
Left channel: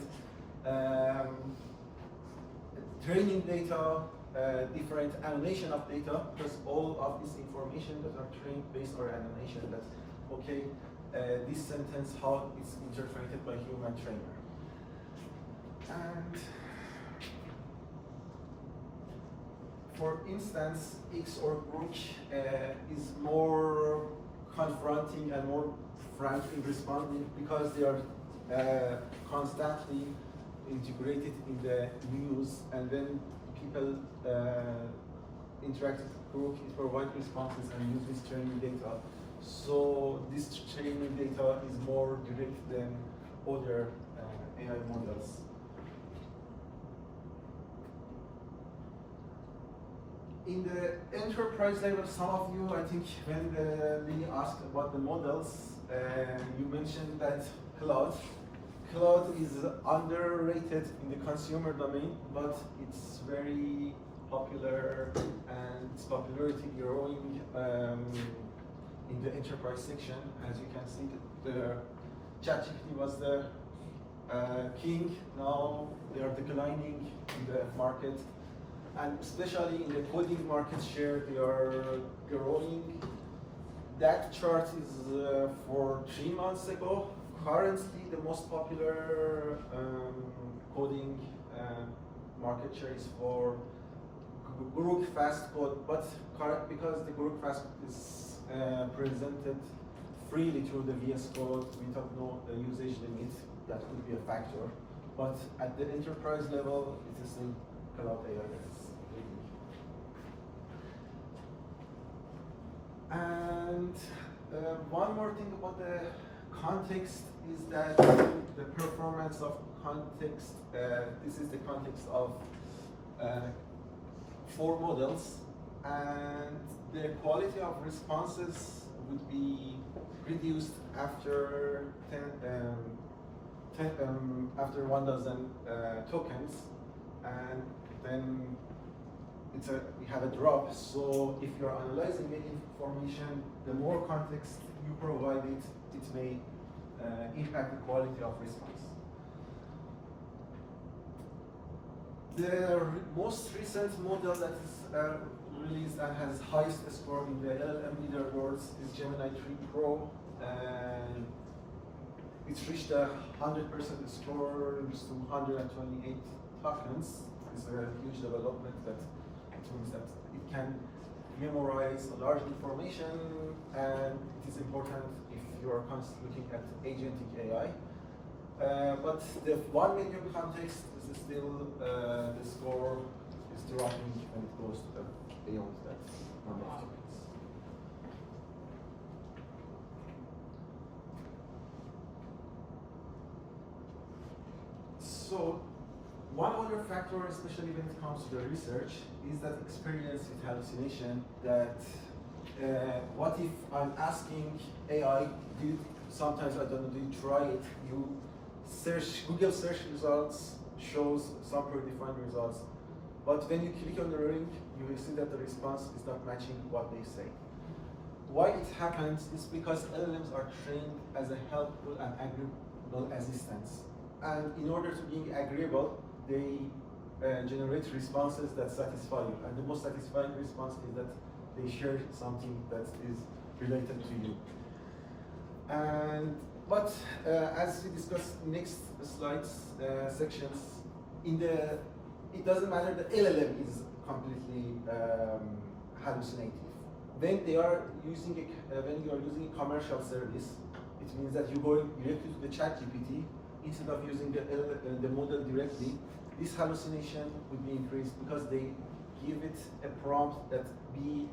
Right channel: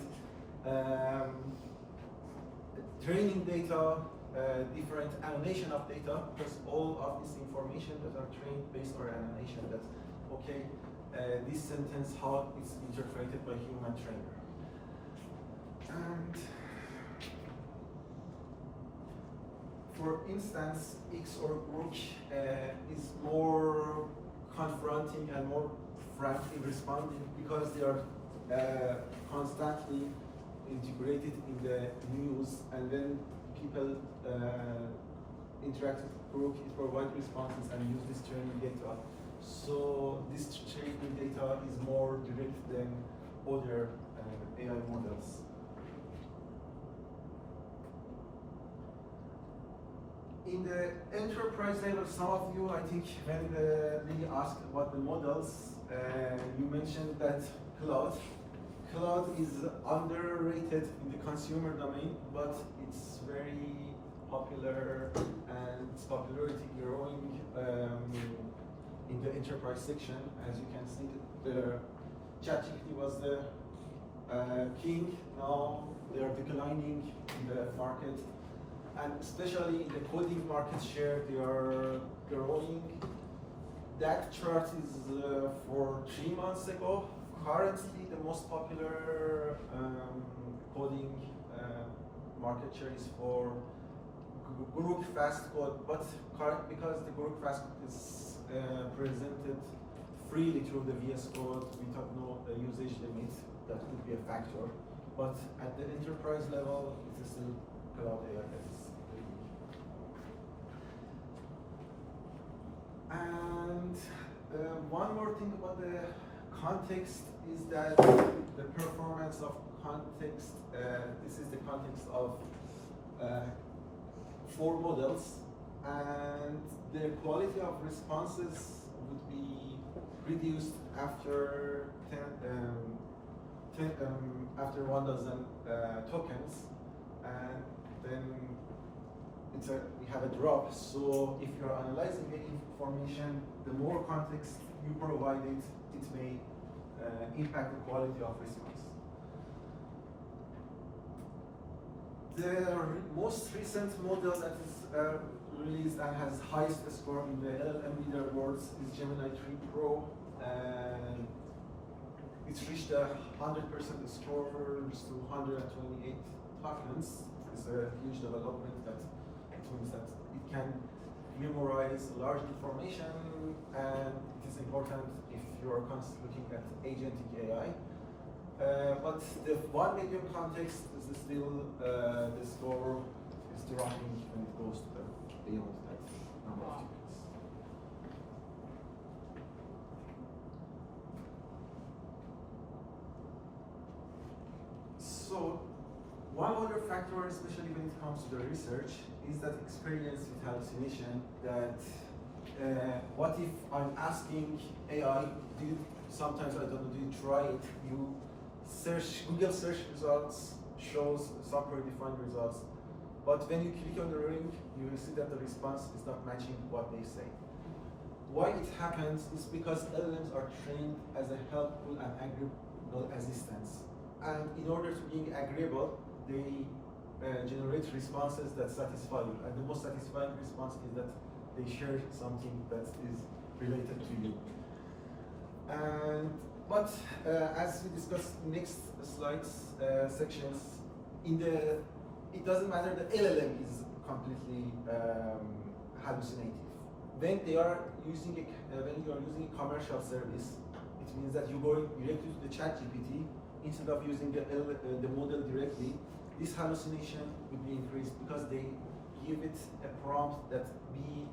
training data, different annotation of data, because all of this information that are trained based on annotation that, okay, this sentence, how it's interpreted by human trainer. And for instance, X or Brook is more confronting and more frank in responding because they are constantly integrated in the news, and when people interact with Brook, it provides responses and use this training data. So this training data is more direct than other AI models. In the enterprise level, some of you, I think, when we asked about the models, you mentioned that cloud is underrated in the consumer domain, but it's very popular and its popularity growing in the enterprise section. As you can see, the ChatGPT was the king. Now they are declining in the market, and especially in the coding market share, they are growing. That chart is for 3 months ago. Currently, the most popular coding market share is for Group Fast Code, but because the Group Fast is presented freely through the VS Code without no usage limit, that could be a factor. But at the enterprise level, it's still cloud AI that is leading. And one more thing about the context is that the performance of context, this is the context of 4 models, and the quality of responses would be reduced after 1,000 tokens, and then we have a drop. So if you're analyzing the information, the more context you provide it may impact the quality of response. The most recent model that is released and has highest score in the LLM leaderboards is Gemini 3 Pro, and it's reached a 100% score, reached to 128 tokens. It's a huge development that it means that it can memorize large information, and it is important if you're constantly looking at agentic AI. But the 1 million context is still, the score is dropping when it goes to beyond that number of tokens. So one other factor, especially when it comes to the research, is that experience with hallucination. That what if I'm asking AI, sometimes I don't know, do you try it? You search, Google search results shows some predefined results. but when you click on the link, you will see that the response is not matching what they say. Why it happens is because LLMs are trained as a helpful and agreeable assistants. And in order to be agreeable, they generate responses that satisfy you. And the most satisfying response is that they share something that is related to you. But as we discuss next slides, sections, it doesn't matter, the LLM is completely hallucinative. When you are using a commercial service, it means that you go directly to the ChatGPT instead of using the model directly. This hallucination would be increased because they give it a prompt that be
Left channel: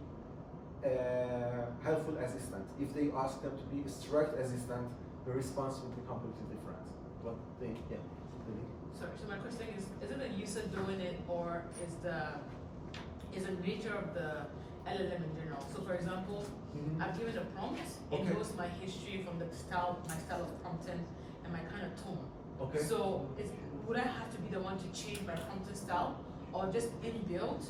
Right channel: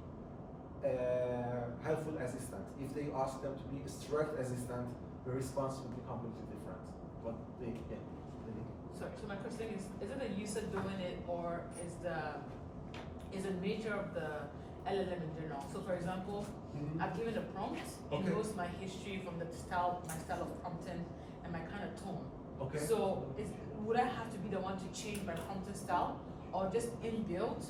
helpful assistant. If they ask them to be a strict assistant, the response will be completely different. But So my question is it the user doing it, or is the nature of the LLM in general? So for example, I've given a prompt, it knows my history from my style of prompting and my kind of tone. Okay. So would I have to be the one to change my prompting style, or just inbuilt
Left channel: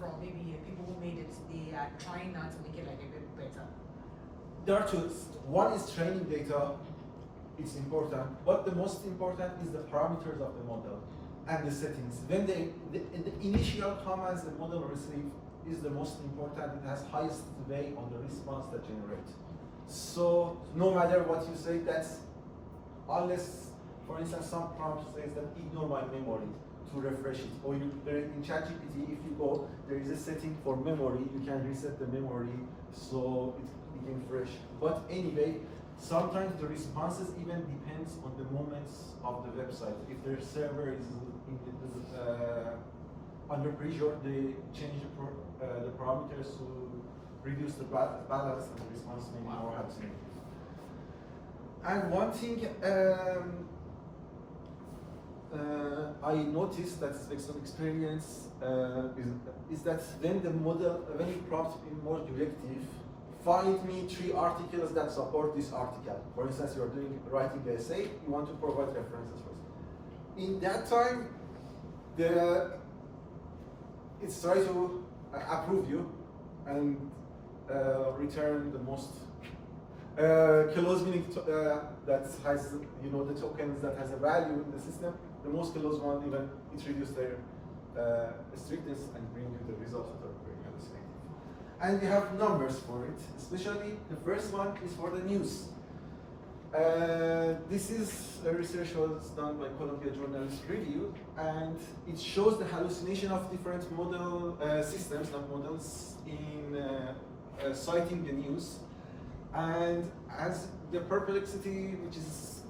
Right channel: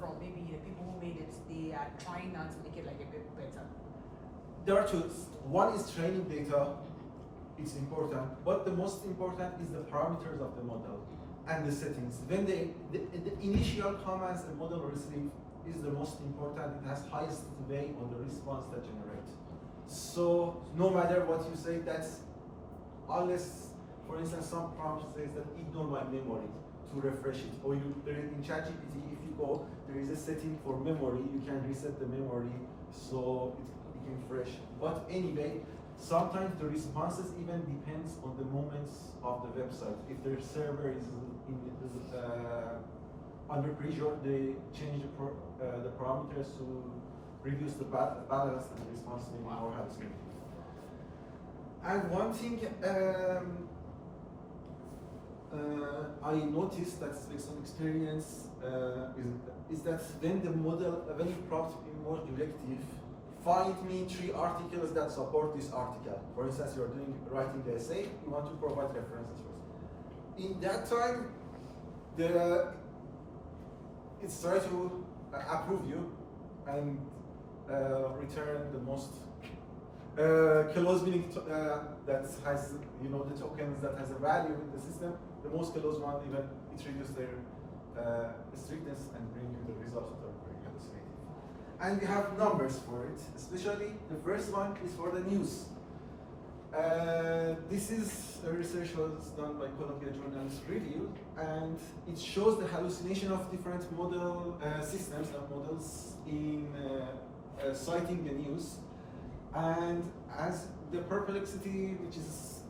from maybe the people who made it, they are trying now to make it like a bit better? There are two. One is training data. It's important, but the most important is the parameters of the model and the settings. When the initial commands the model receives is the most important. It has highest weight on the response that generates. So no matter what you say, that's unless, for instance, some prompt says that ignore my memory to refresh it, or in ChatGPT, if you go, there is a setting for memory. You can reset the memory so it became fresh. But anyway, sometimes the responses even depends on the moments of the website. If their server is under pressure, they change the parameters to reduce the balance, and the response may be more hallucinative. And one thing I noticed that's based on experience is that when you prompt in more directive, find me 3 articles that support this article. For instance, you're writing the essay, you want to provide references first. In that time, it's trying to approve you and return the most close meaning that has, the tokens that has a value in the system. The most close one, even it reduces their strictness and bring you the results that are very hallucinating. And we have numbers for it, especially the first one is for the news. This is a research was done by Columbia Journalist Review, and it shows the hallucination of different model systems, not models, in citing the news. And as the Perplexity, which is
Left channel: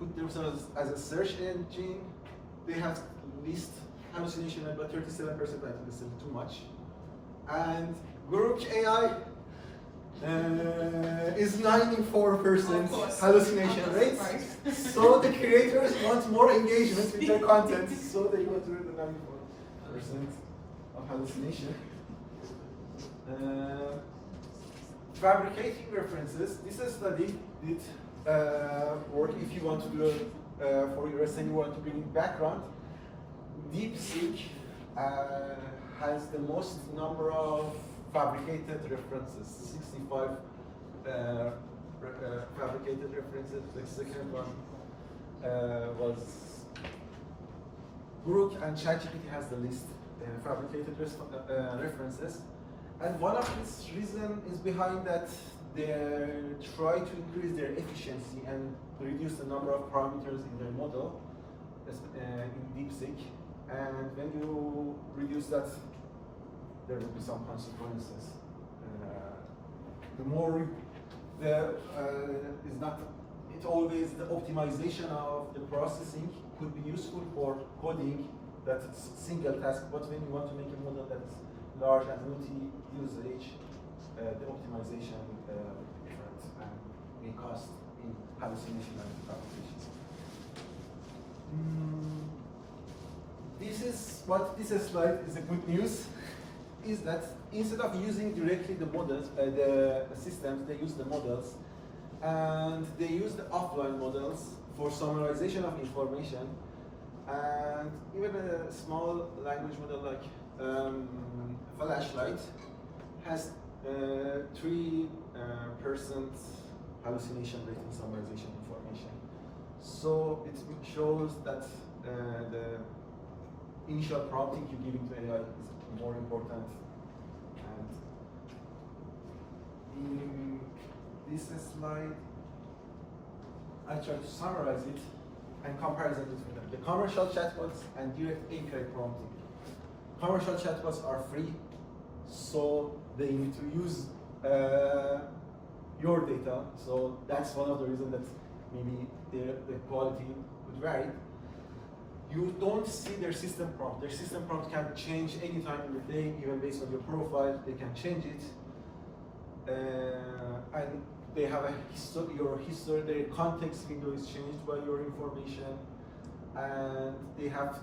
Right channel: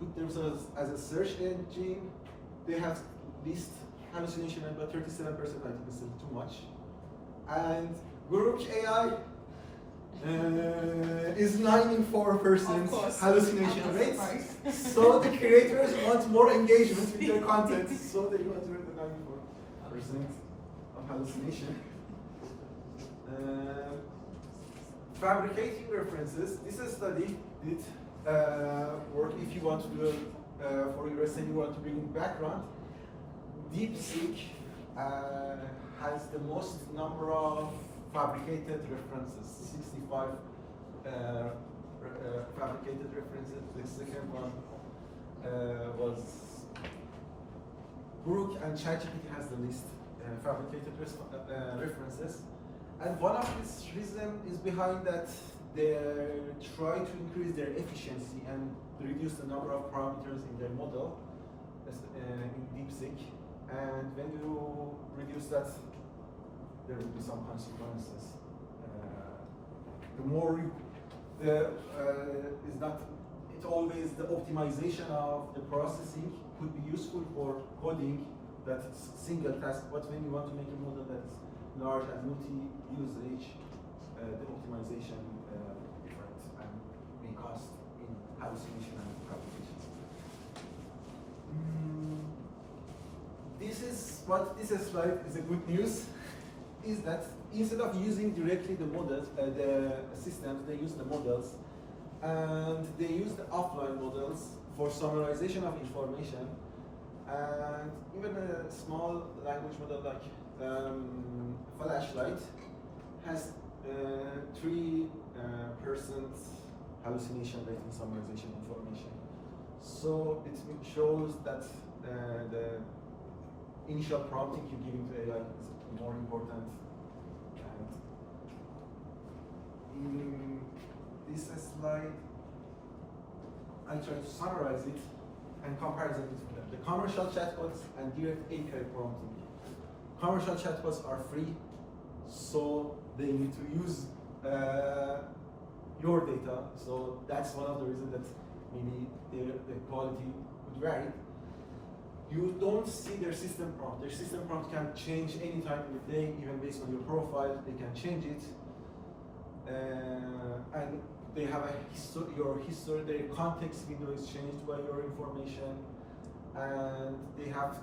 put themselves as a search engine, they have least hallucination, about 37%, I think this is too much. And Grok AI is 94% hallucination rate. So the creators want more engagement with their content, so they go to the 94% of hallucination. Fabricating references. This study did work if you want to do for your essay, you want to bring in background. DeepSeek has the most number of fabricated references, 65 fabricated references. The second one was Grok, and ChatGPT has the least fabricated references. And one of its reasons is behind that they try to increase their efficiency and reduce the number of parameters in their model in DeepSeek. And when you reduce that, there will be some consequences. The more is not, it always the optimization of the processing could be useful for coding that single task, but when you want to make a model that is large and multi-usage, the optimization different and may cost in hallucination and propagation. This slide is a good news, is that instead of using directly the models, the systems, they use the models, and they use the offline models for summarization of information, and even a small language model like flashlight has 3% hallucination rate in summarization information. So it shows that the initial prompting you give into AI is more important. And in this slide, I try to summarize it and comparison between them. The commercial chatbots and direct API prompting. Commercial chatbots are free, so they need to use your data. So that's one of the reasons that maybe the quality would vary. You don't see their system prompt. Their system prompt can change any time in the day, even based on your profile, they can change it. And they have your history, their context window is changed by your information, and they have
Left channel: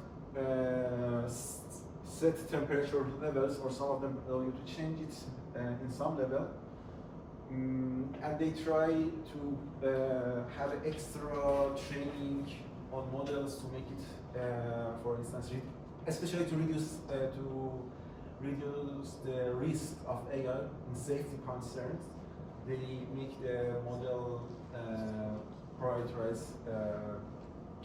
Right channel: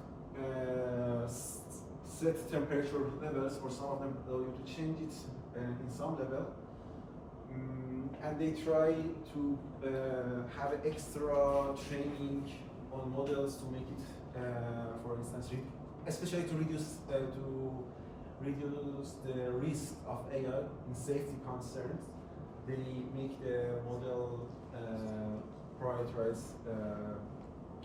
set temperature levels, or some of them allow you to change it in some level. And they try to have extra training on models to make it, for instance, especially to reduce the risk of AI in safety concerns. They make the model prioritize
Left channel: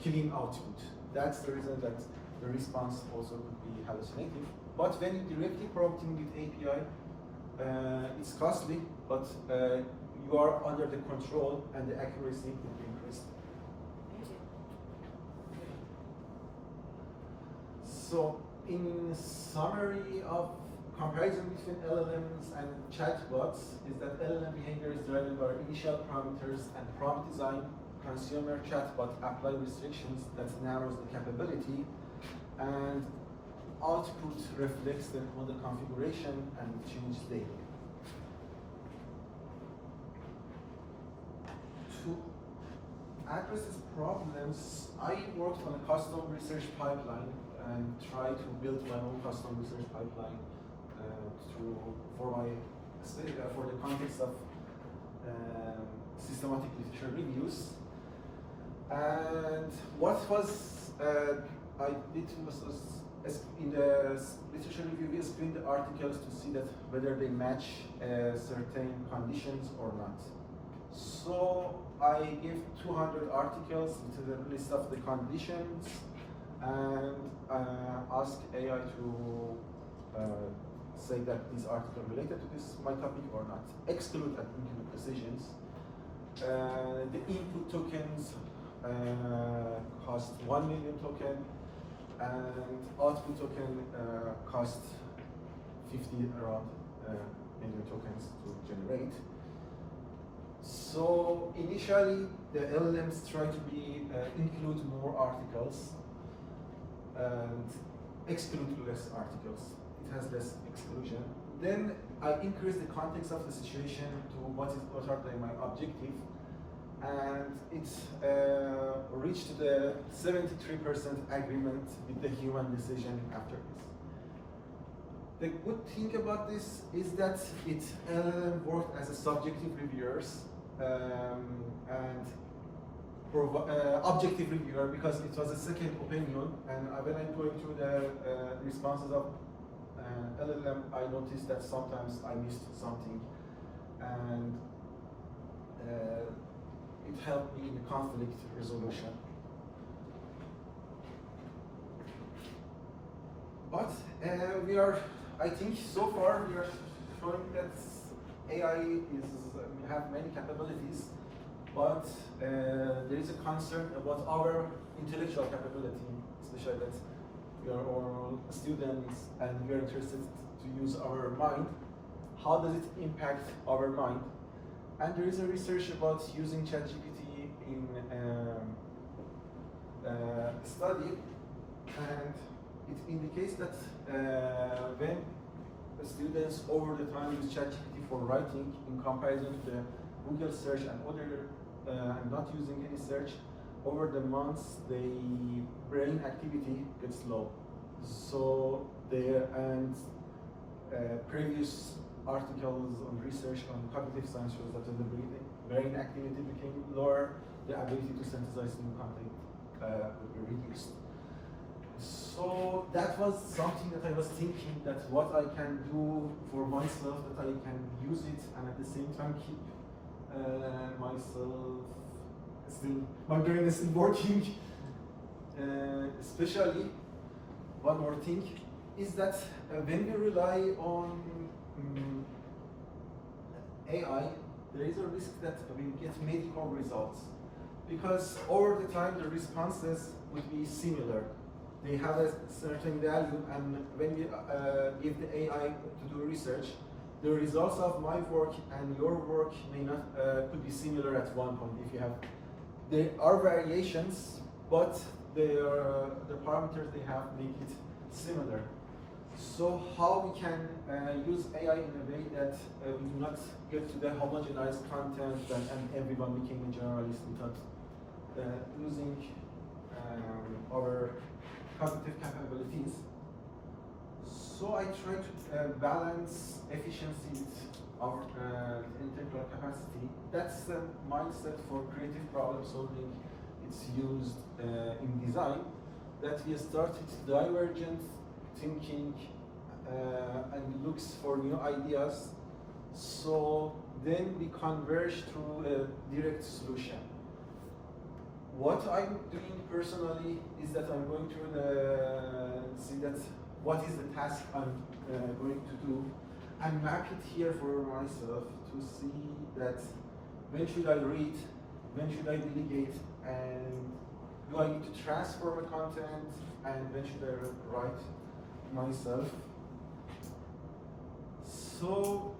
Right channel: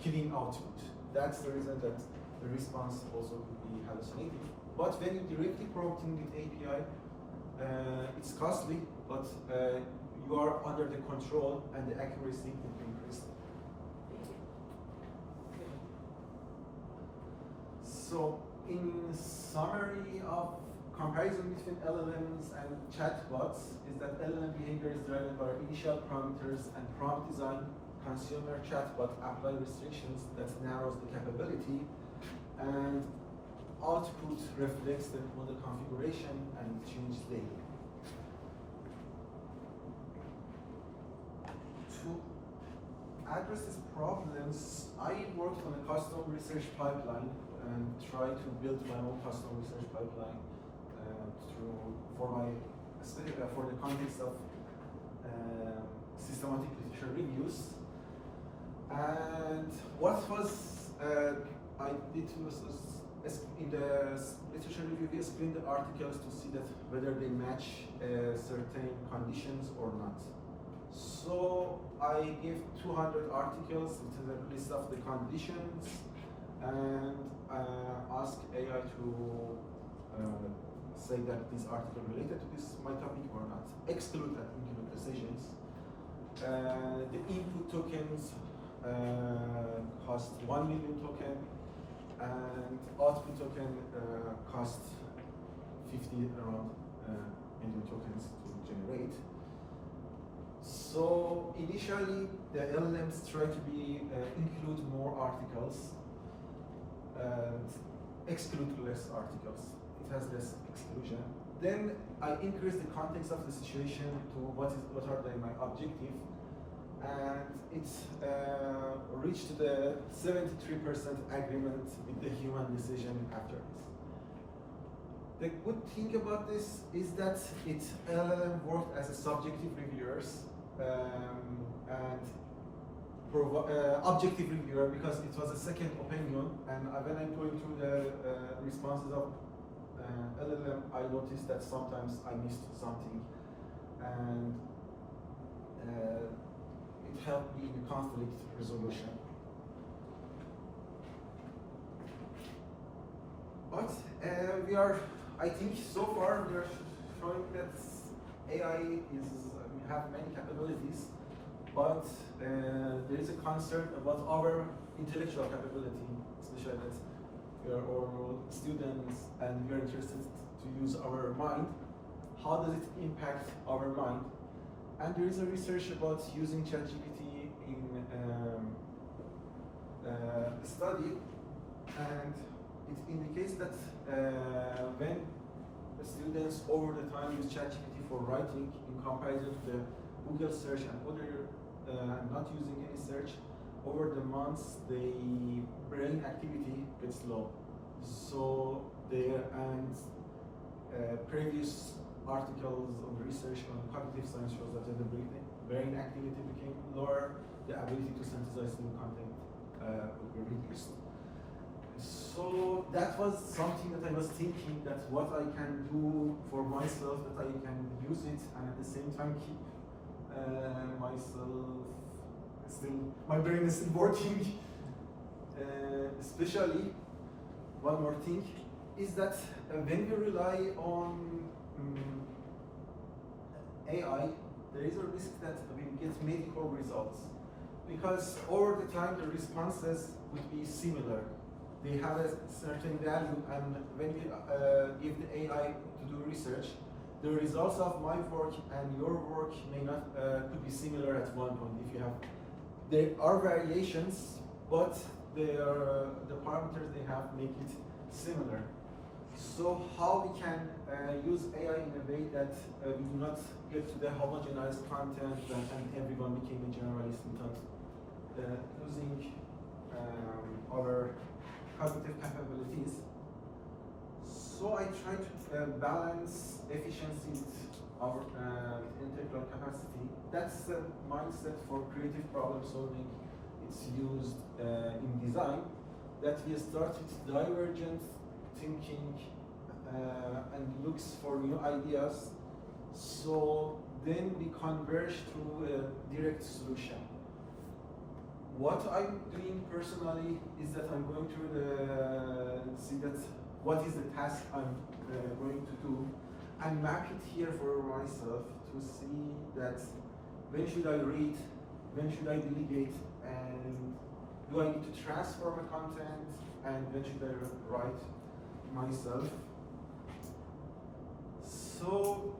clean output. That's the reason that the response also could be hallucinating. But when you directly prompting with API, it's costly, but you are under the control and the accuracy will be increased. So, in summary of comparison between LLMs and chatbots is that LLM behavior is driven by initial parameters and prompt design. Consumer chatbot apply restrictions that narrows the capability, and output reflects the model configuration and change daily. To address these problems, I worked on a custom research pipeline and tried to build my own custom research pipeline for the context of systematic literature reviews. And what was I did was in the literature review, we screened the articles to see that whether they match certain conditions or not. So I gave 200 articles with a list of the conditions and asked AI to say that this article related to my topic or not. Exclude and include decisions. The input tokens cost 1 million token, and output token cost 50 around million tokens to generate. So initially, the LLMs try to include more articles and exclude less articles. It has less exclusion. Then I increase the context of the situation to what are my objective, and it reached the 73% agreement with the human decision after this. The good thing about this is that it worked as a subjective reviewers and objective reviewer, because it was a second opinion. And when I'm going through the responses of LLM, I noticed that sometimes I missed something, and it helped me in conflict resolution. But I think so far we are showing that AI have many capabilities, but there is a concern about our intellectual capability, especially that we are all students and we are interested to use our mind. How does it impact our mind? And there is a research about using ChatGPT in a study, and it indicates that when the students over the time use ChatGPT for writing in comparison to the Google search and other not using any search, over the months the brain activity gets low. So previous articles on research on cognitive science shows that the brain activity became lower, the ability to synthesize new content would be reduced. So that was something that I was thinking that what I can do for myself, that I can use it and at the same time keep myself still, my brain is still working. Especially, one more thing is that when we rely on AI, there is a risk that we get medical results because over the time the responses would be similar. They have a certain value, and when we give the AI to do research, the results of my work and your work may not could be similar at one point. If you have, there are variations, but the parameters they have make it similar. So how we can use AI in a way that we do not get to the homogenized content and everyone became a generalist without using our cognitive capabilities. So I try to balance efficiency with our intellectual capacity. That's the mindset for creative problem solving. It's used in design, that we start with divergent thinking and looks for new ideas. So then we converge to a direct solution. What I'm doing personally is that I'm going to see that what is the task I'm going to do and map it here for myself to see that when should I read, when should I delegate, and do I need to transfer my content, and when should I write myself. So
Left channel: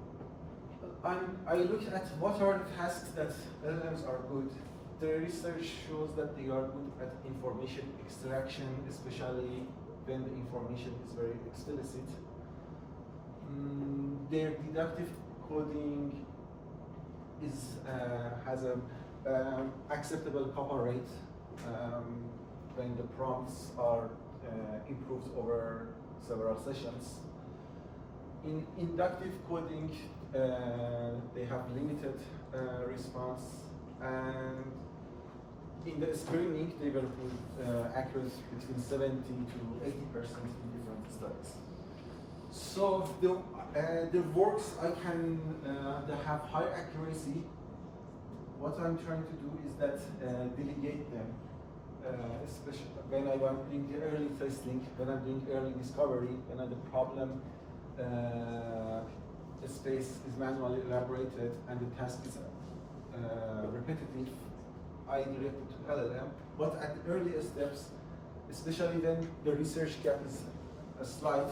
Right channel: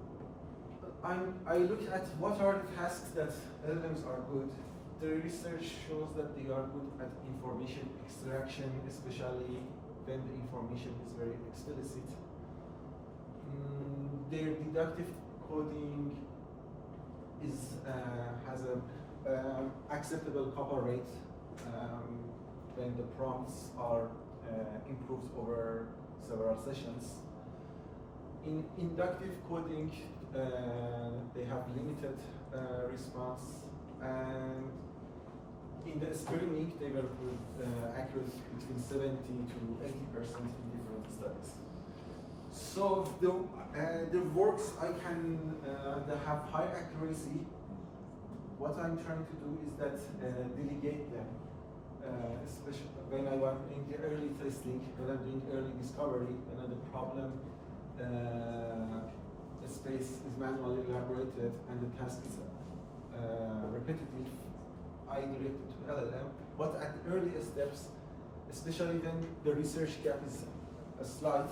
I look at what are the tasks that LLMs are good. The research shows that they are good at information extraction, especially when the information is very explicit. Their deductive coding has a acceptable copy rate when the prompts are improved over several sessions. In inductive coding, they have limited response, and in the screening, they were accurate between 70 to 80% in different studies. So the works I can that have high accuracy, what I'm trying to do is that delegate them, especially when I'm doing the early testing, when I'm doing early discovery, when the problem space is manually elaborated and the task is repetitive, I direct it to LLM. But at the earliest steps, especially when the research gap is slight,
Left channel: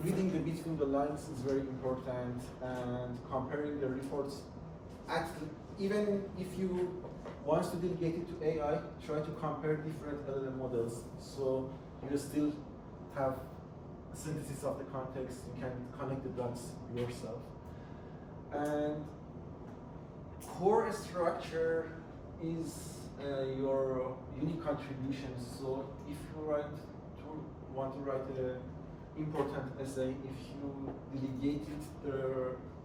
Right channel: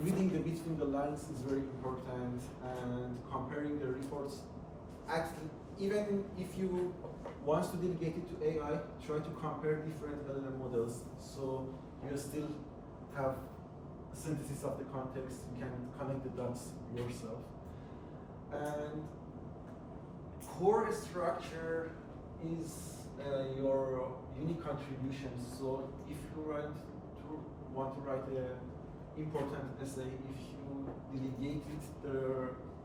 reading the between the lines is very important, and comparing the reports. Even if you want to delegate it to AI, try to compare different LLM models so you still have synthesis of the context, you can connect the dots yourself. And core structure is your unique contribution. So if you want to write an important essay, if you delegate it,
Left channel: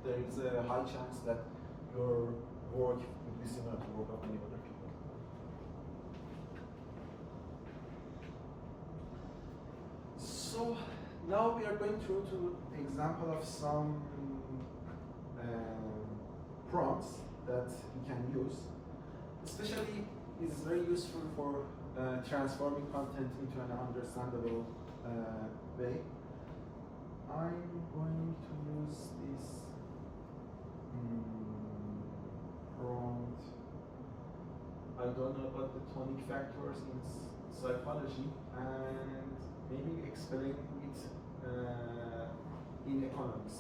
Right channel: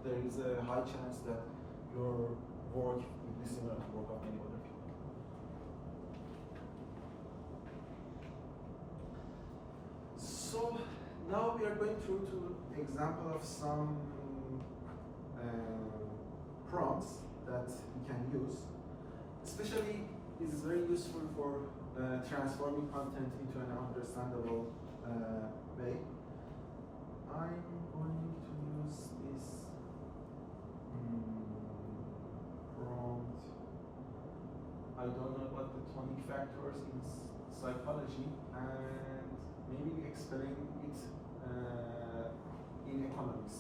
there is a high chance that your work will be similar to the work of many other people. So now we are going through to example of some prompts that we can use. Especially, it is very useful for transforming content into an understandable way. I'm going to use this prompt. I don't know about the tonic factors in psychology, and maybe explain it in economics.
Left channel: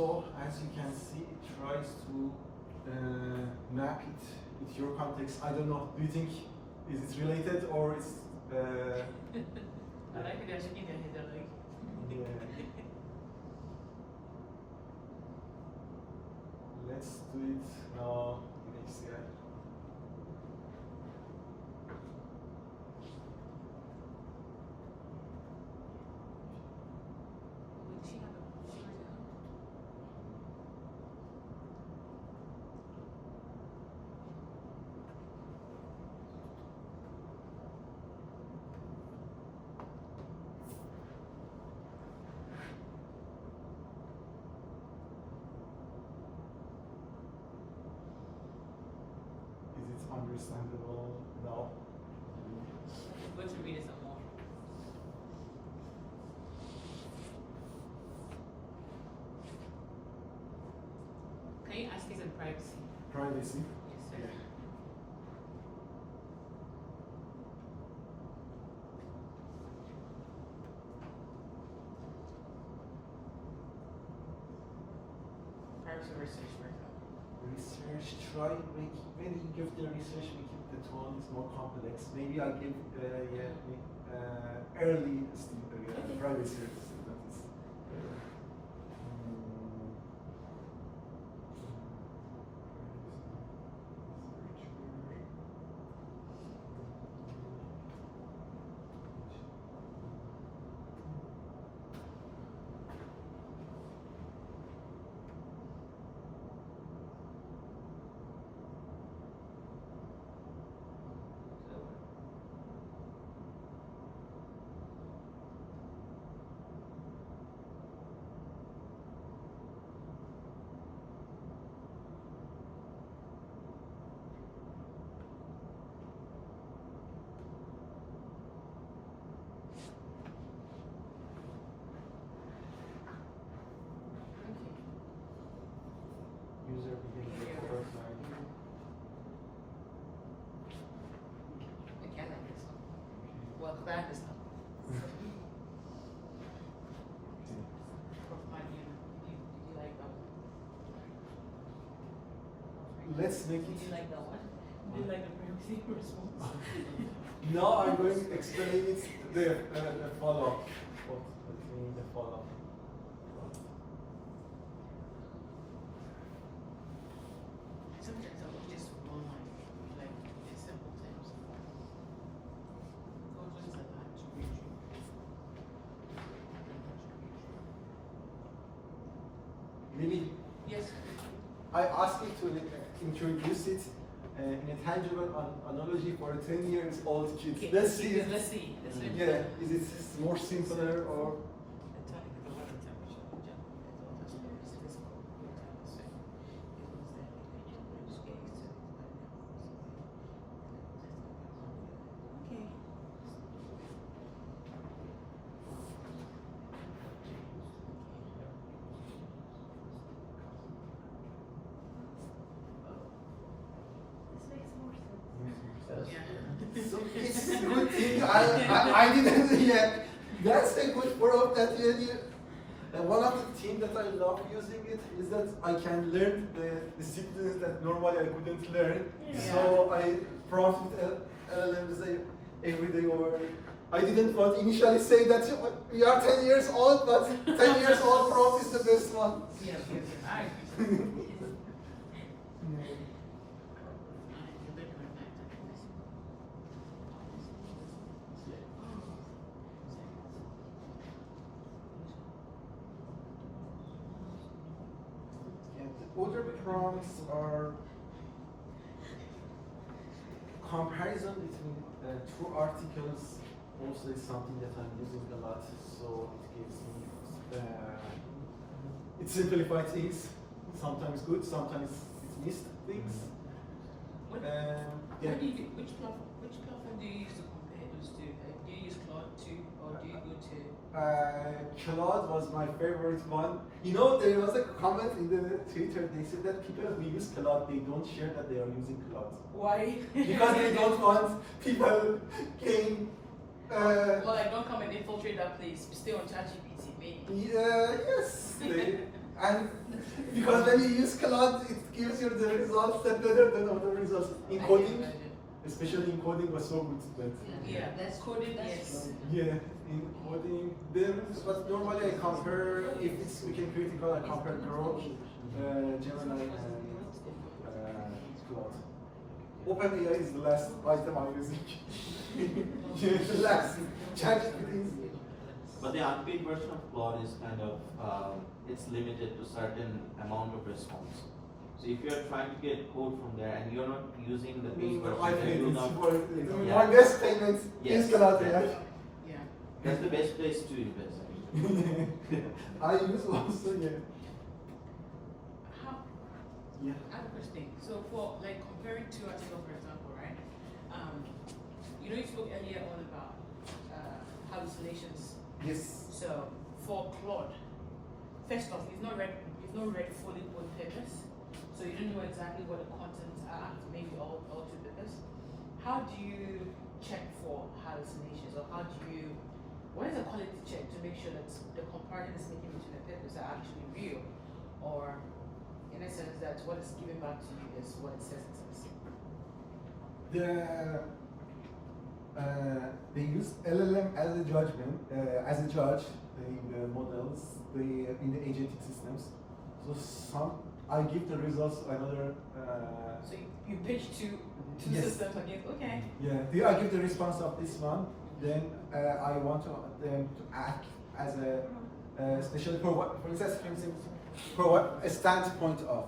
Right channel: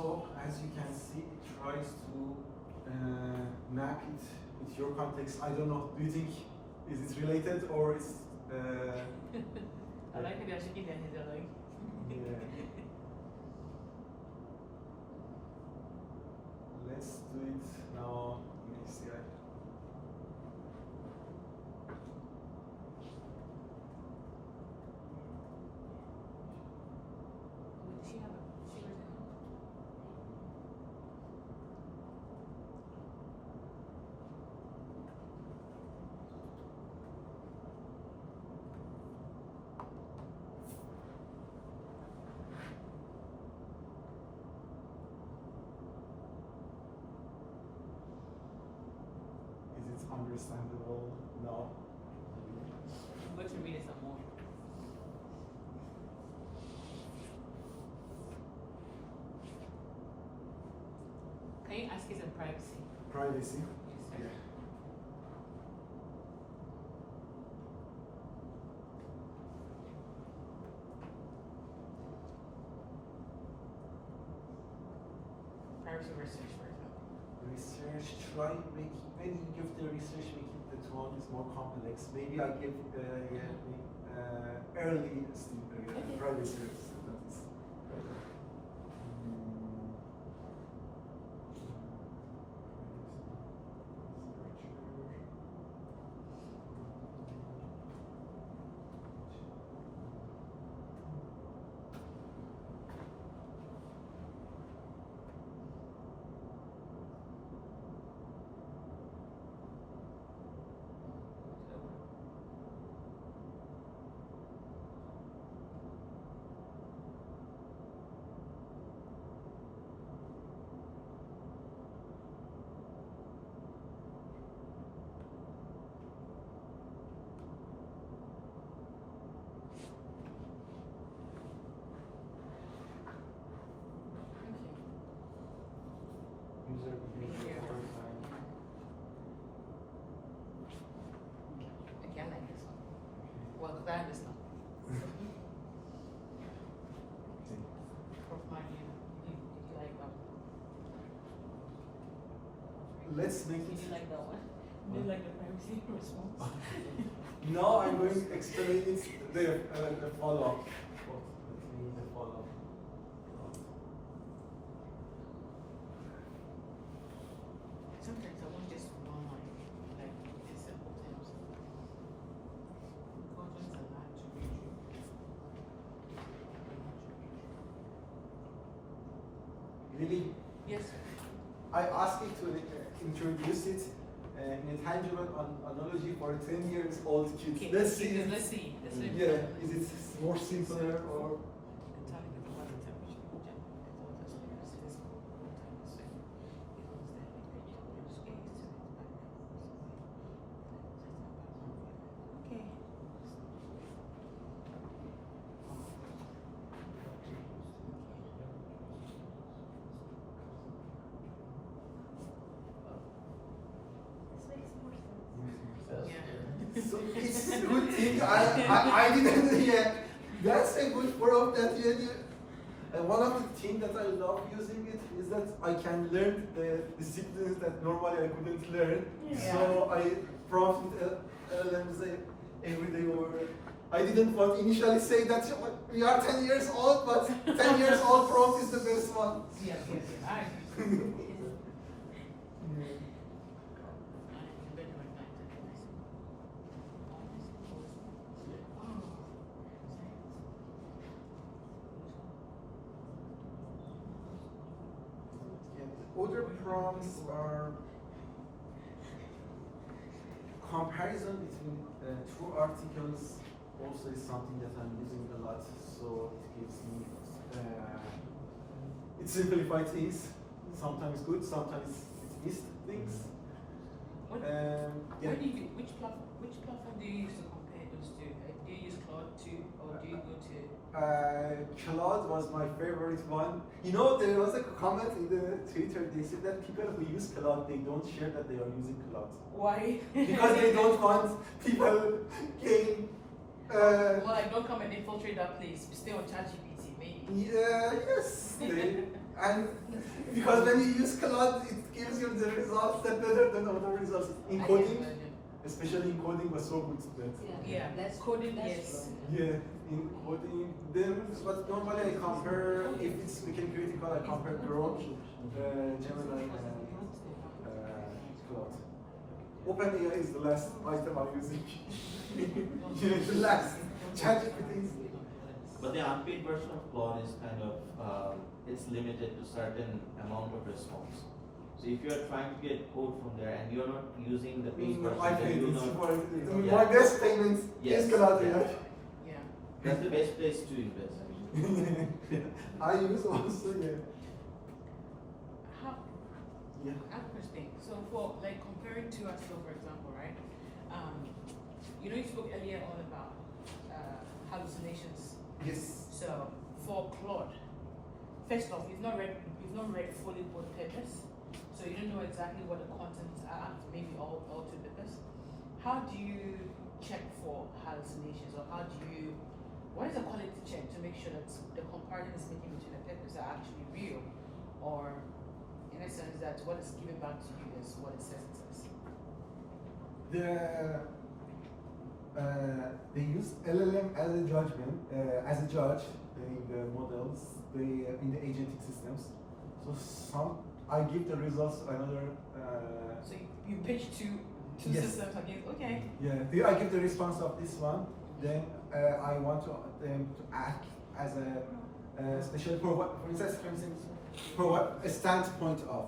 also, as you can see, it tries to map it with your context. I don't know, do you think is it related or is I like it shaking their head, they're like. yeah. Let's do it now in HCI. Is it understandable now? Go to read it some more. Can you ask it some privacy? Privacy. Yes, sir. Privacy research, for example. Research, try make when you give the research, make it the tone is more complex. Maybe I give early privacy students. User behavior profile. I can't like this. Well, that is not. Did you like that one? Let's make Did you it. like that one? Did you like the privacy response? Now I'm going to explain it the follow-up. What means the follow-up? Sometimes I want this to go like this simple things. Or just the one to read you. Maybe Yes. I asked you to introduce it in a tangible analogy for a 10 years old kid. Okay, Let's see. Let's see. Let's see. Yeah, is it more simpler or? This makes more sense. Yeah. So it's a good thing I didn't yet. That's a good proof that you. And one of the things that I love using it is that I can learn the disciplines that normally I couldn't learn. Yeah. So I prompt LLMs every day over. I didn't want to initially say that we are 10 years old, but 10 years old prompt is the best one. Yes, yes. All right. And the other prompts are comparison between two articles. Also is something that I'm using a lot, so it gives me it simplifies things. Sometimes good, sometimes it missed things. Yeah. Which platform do you use to compare those two? Do you use Claude 2 or do you go to? Claude was my favorite one. You know, there was a comment in the Twitter. They said that people who use Claude, they don't share that they are using Claude Why? because they don't want people gain. Well, like, don't come and infiltrate that place. Stay on ChatGPT, maybe. Yes. And because when you use Claude, it gives you the results that better than other results. In coding, especially in coding, was so good. That, Yeah, That's coding, that's yes. yeah, in coding, then what normally I compare, if it's weekend critical, I compare Grok, Gemini, and Claude. OpenAI is the last item I'm using. Yeah, the last. ChatGPT is. But the unpaid version of Claude is kind of, it's limited to certain amount of response. So if you're trying to get code from there and you're not using the paid version, I then think you're it's not. for Yeah. more less payments. Yes. Is Claude, Yeah. right? Yeah. That's the best place to invest. I use also, yeah. How, Yeah. I have a question. So for like comparing to ourselves, for example, right? You know, you spoke earlier on about hallucinations. Yes. So for Claude, first off, it's not read fully on purpose. So you don't know exactly what the contents are, maybe all to purpose. How do you check for hallucinations, or how do you, what is a quality check to make sure that the comparison is making between the papers are actually real, or in a sense that what is given back to you is what it says it is? They use LLM as a judgment, as a judge in the models, in the agentic systems. So I give the results another. So you pitch two Yes. systems against, okay. Yeah, I give the response of this one. Then I want them to act as a especially for instance, a standpoint of.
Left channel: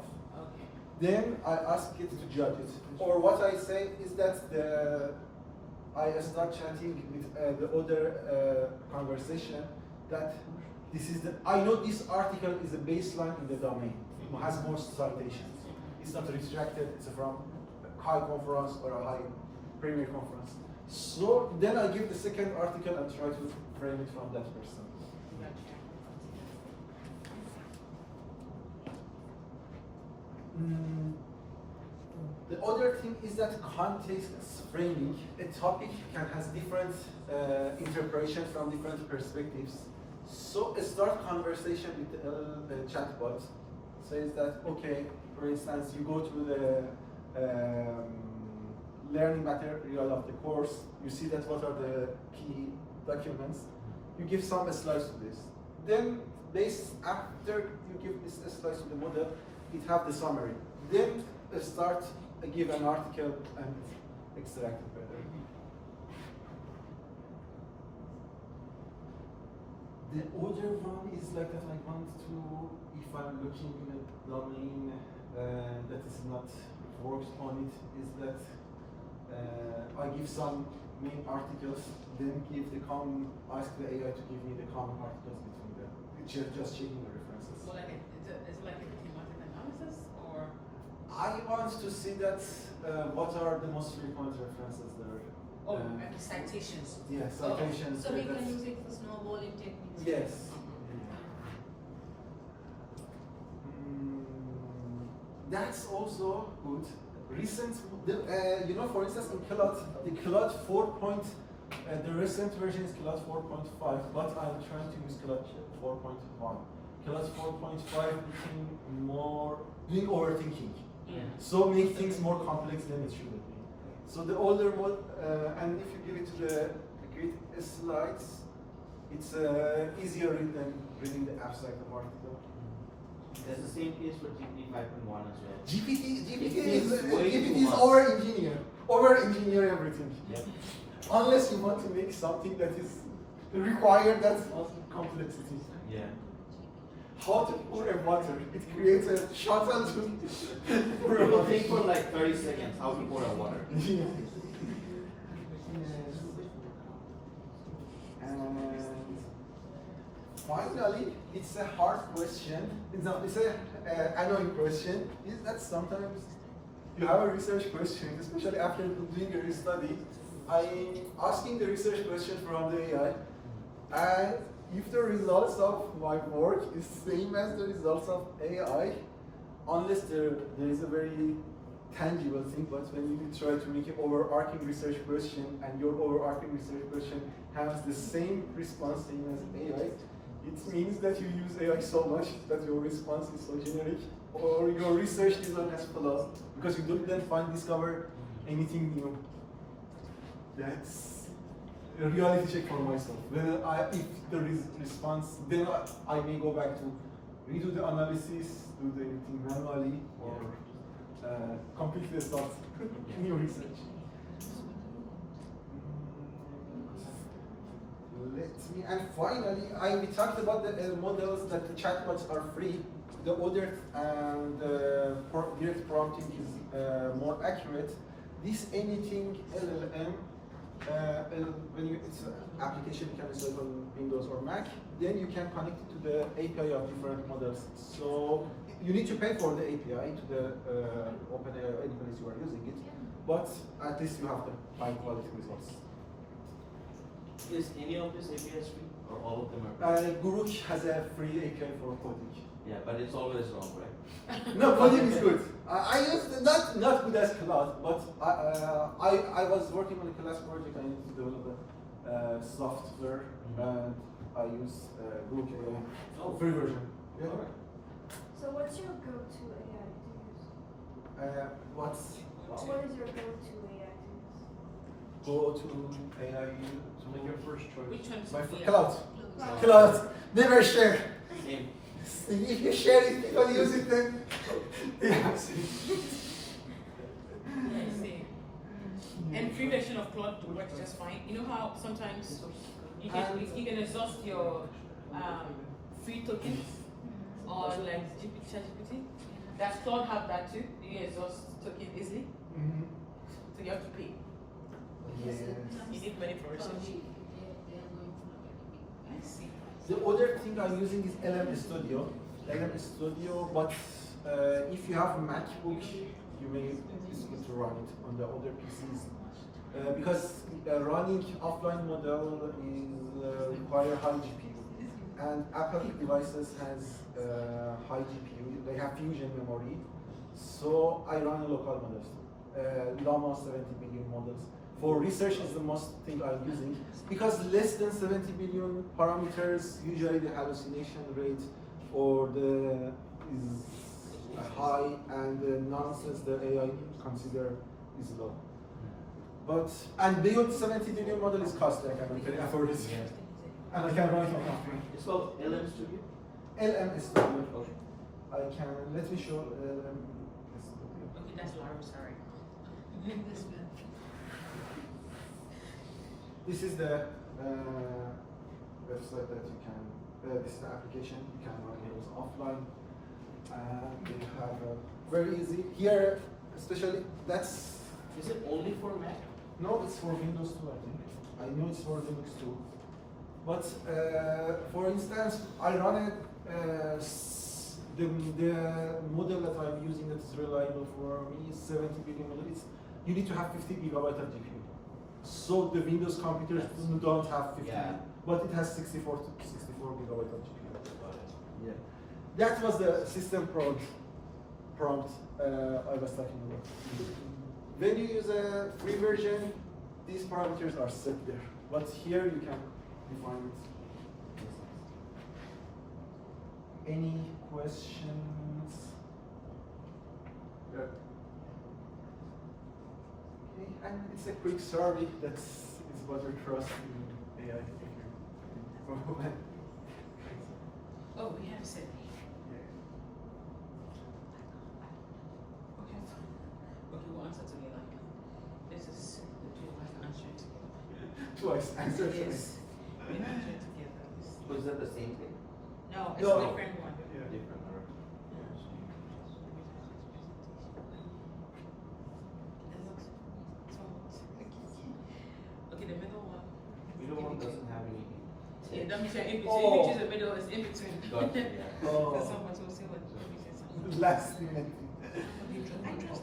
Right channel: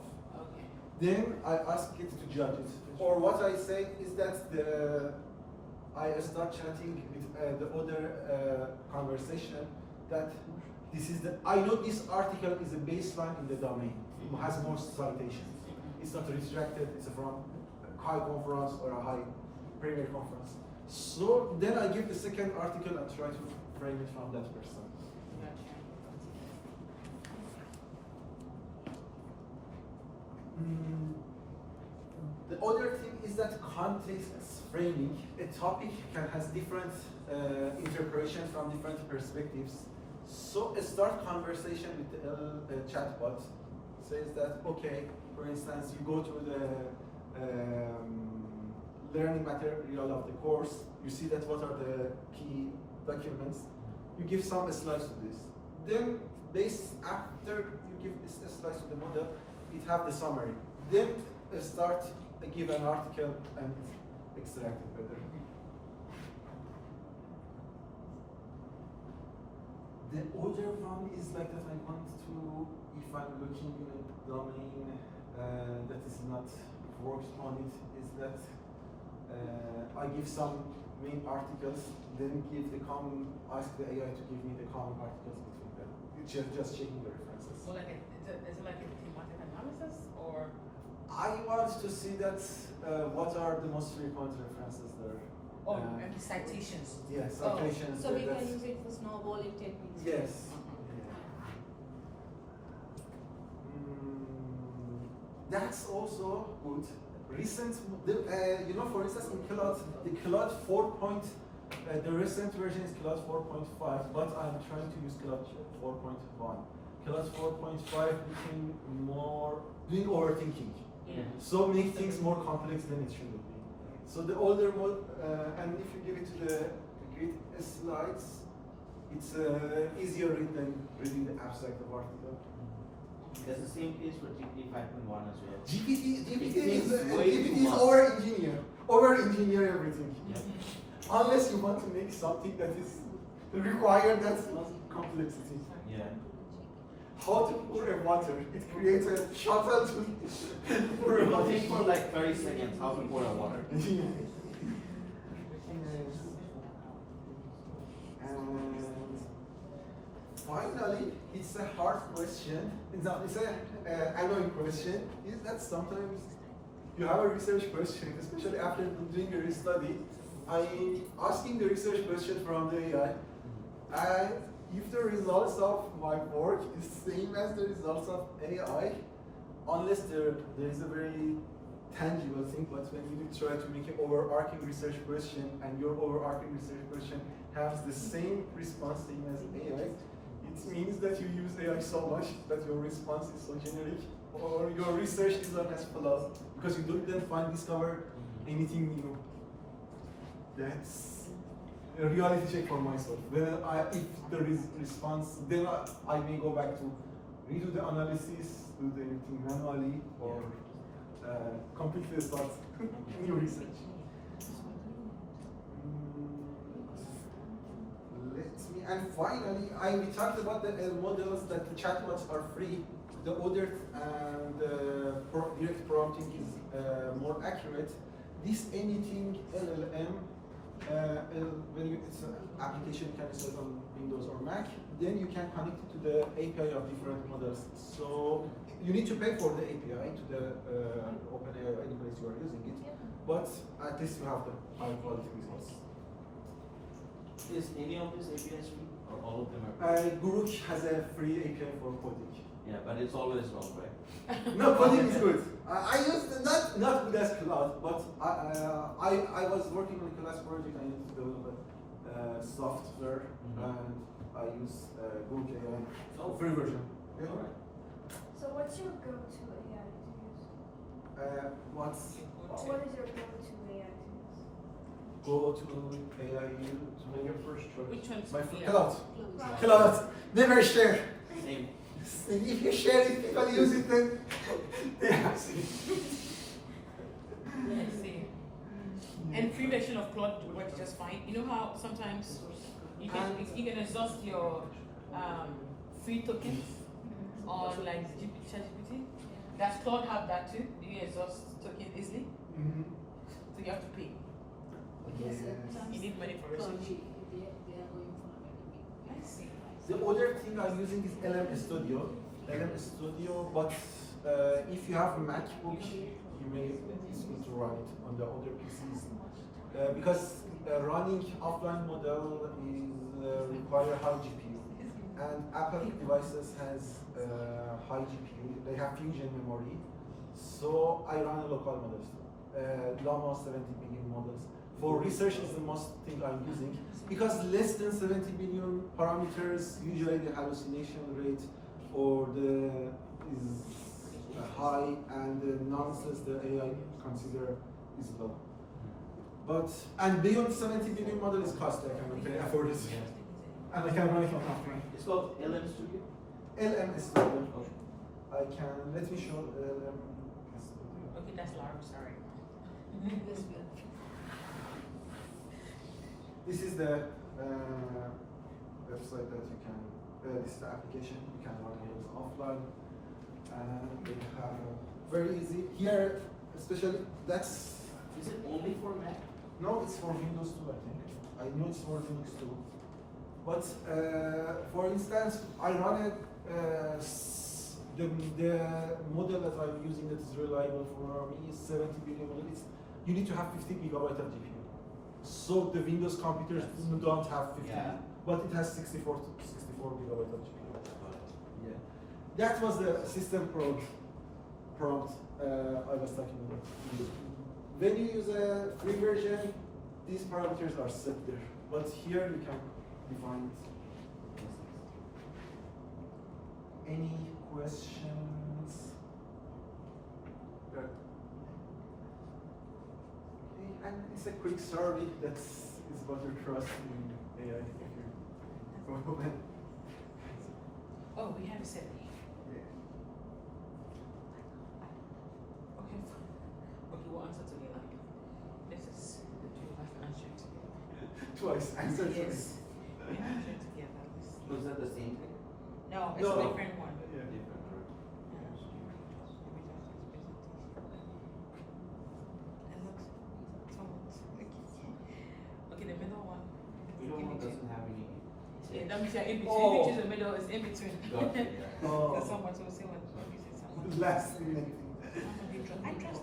Okay. Then I ask it to judge it. Or what I say is that I start chatting with the other conversation that this is I know this article is a baseline in the domain. It has more citations. It's not restricted. It's from a high conference or a high premier conference. So then I give the second article and try to frame it from that person. The other thing is that context framing. A topic has different interpretations from different perspectives. So a start conversation with the chatbot says that, okay, for instance, you go to the learning material of the course, you see that what are the key documents, you give some slides to this. Then after you give this slides to the model, it have the summary. Then give an article and extract it better. The other one is like that I want to, if I'm looking in a domain that is not worked on it, is that I give some main articles, then ask the AI to give me the common articles between them. Just checking the references. So like is it like a thematic analysis, or? I want to see that what are the most frequent references there. Oh, and the citations. Yeah, citations. So we that's- can use it for snowballing techniques. Yes. That's also good. Recent, for instance, in Claude, the Claude 4. The recent version is Claude 4.5, but I'm trying to use Claude 4.1. Claude 4.5 became more doing overthinking, so make things more complex than it should be. So the older mode, and if you give it to the grid slides, it's easier read than reading the abstract of article. That's the same case for GPT 5.1 as well. GPT is way GPT too is much. over-engineer everything. Yeah. Unless you want to make something that is required that complexity. Yeah. How to pour a water? It creates a shuttle to pour a water. Think for like 30 seconds how to pour a water. And finally, it's a hard question. It's an annoying question. Is that sometimes you have a research question, especially after doing a study, I'm asking the research question from the AI, and if the results of my work is same as the results of AI, unless there is a very tangible thing, but when you try to make an overarching research question and your overarching research question has the same response same as AI, It means that you use AI so much that your response is so generic, or your research design has flaws because you didn't discover anything new. That's a reality check for myself. If there is response, then I may go back to redo the analysis, do the everything manually, or completely start new research. And finally, we talked about the models that the chatbots are free. The other and direct prompting is more accurate. This anything LLM, when it's an application you can install on Windows or Mac, then you can connect it to the API of different models. So you need to pay for the API to the OpenAI or any place you are using it, but at least you have the high quality results. Is any of these APIs free, or all of them are free? Guru has a free API for coding. Yeah, but it's always wrong, right? No, coding is good. I used not good as Cloud, but I was working on a class project. I needed to develop a software, and I use Google AI free version. Yeah. All right. So what's your go-to AI to use? What What is your go-to AI to use? go to AI? Make your first choice. Which one's My the- Cloud. Cloud. Cloud. Never share. Same. If you share it, people use it. Then yeah. I see. And free version of Claude works just fine. You know how sometimes you can exhaust your free tokens on like ChatGPT. Does Claude have that too? Do you exhaust token easily? Mhm. So you have to pay. Yes. You need money for research. I see. The other thing I'm using is LM Studio. LM Studio, but if you have a MacBook, you may it's good to run it on the other PCs. Because running offline model is require high GPU, and Apple devices has high GPU. They have fusion memory, so I run a local models, almost 70 billion models. For research is the most thing I'm using because less than 70 billion parameters, usually the hallucination rate or the is high and the nonsense the AI consider is low. But and beyond 70 billion model is costly. I cannot afford it, and I can run it on offline. It's called LM Studio. LM Studio. I can let me show LM Studio. Okay, that's why I'm sorry. This is the website that you can. This is the application you can run it offline. We have very easy here, especially that's. Is it only for Mac? No, it's for Windows 2, I think. I know it's for Linux too. But for instance, I run it. The model that I'm using that is reliable for me is 70 billion model. You need to have 50 gigabyte of GPU. So the Windows computers don't have 50, Yeah. but it has 64 gigabyte of GPU. Yeah. That was the system prompt I was talking about. When you use a free version, these parameters are set there. But here you can define it. Any questions? Yeah. Okay, and it's a quick survey that's about your trust in AI. Oh, we have a set. Okay, we'll answer together. This is the two of us answering. Twice answer choice. Yes. We answer together. So is that the same thing? No, it's No. a different one. Yeah. Different. Okay, the middle one. Middle one doesn't have any. Yeah, that means you're in between. Oh. Which is the middle is in between. Gotcha, yeah. Oh. Because someone will say what everything's Last minute.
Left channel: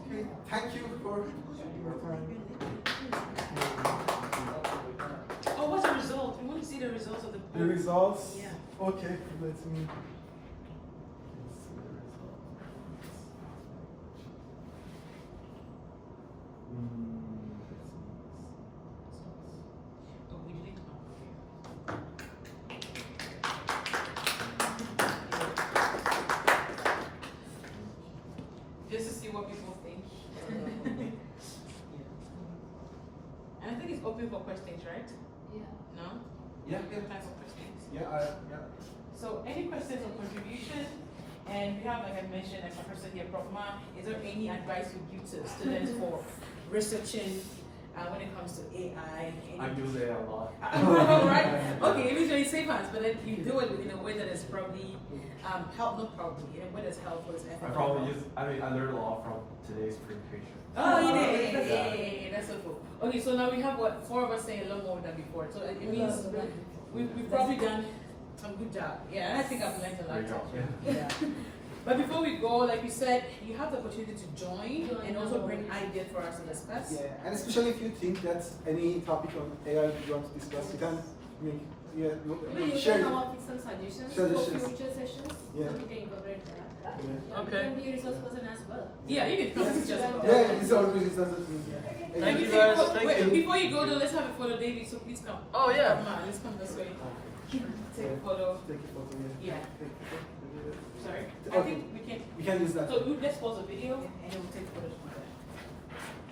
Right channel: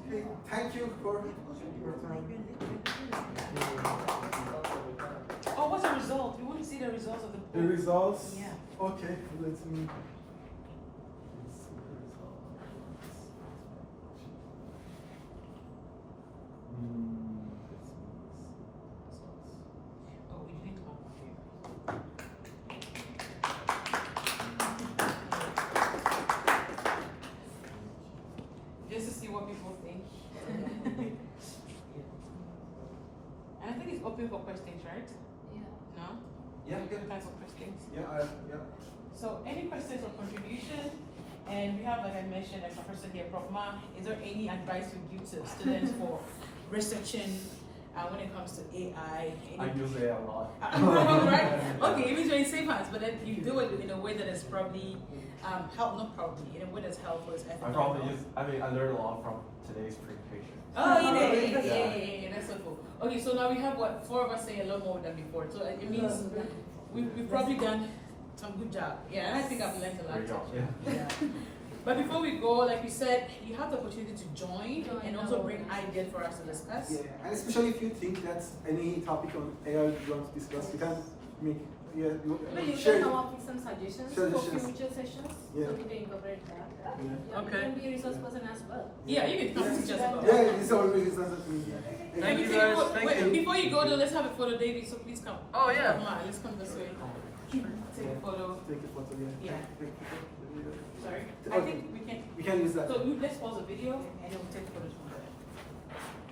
Okay, thank you for your time. Oh, what's the result? We want to see the results of the The results? Yeah. Okay, let me. Let's see the results. Oh, we did one. Yeah, Can yeah. I answer questions? Yeah. So any questions or contribution? And we have, like I mentioned, a person here, Prof. Ma, is there any advice you give to students for researching when it comes to AI? I use AI a lot. Right? Okay, it is very safe hands, but then you do it in a way that is probably in a way that's helpful. I learned a lot from today's presentation. Oh, yeah, that's so cool. Okay, so now we have what, 4 of us saying a lot more than before. So it means we've probably done some good job. Yeah, and I think I've learned a lot. There too. you go. Yeah. But before we go, like you said, you have the opportunity to join and also bring ideas for us to discuss. Yeah, and especially if you think that's any topic on AI you want to discuss, you can make, No, you share can it. come up with some suggestions for Suggestions. future sessions. Yeah. So we can incorporate that. Yeah. And you can be a resource person as well. Yeah, you can come teach us about Yeah, it's always it's not me. Thank you guys, thank you. Before you go though, let's have a photo, David, so please come. Oh, yeah. Come on, let's come this way. Take a photo. Take a photo. Yeah. Sorry? I Okay. think we can. You can use that. So you just pause the video and then we'll take photos.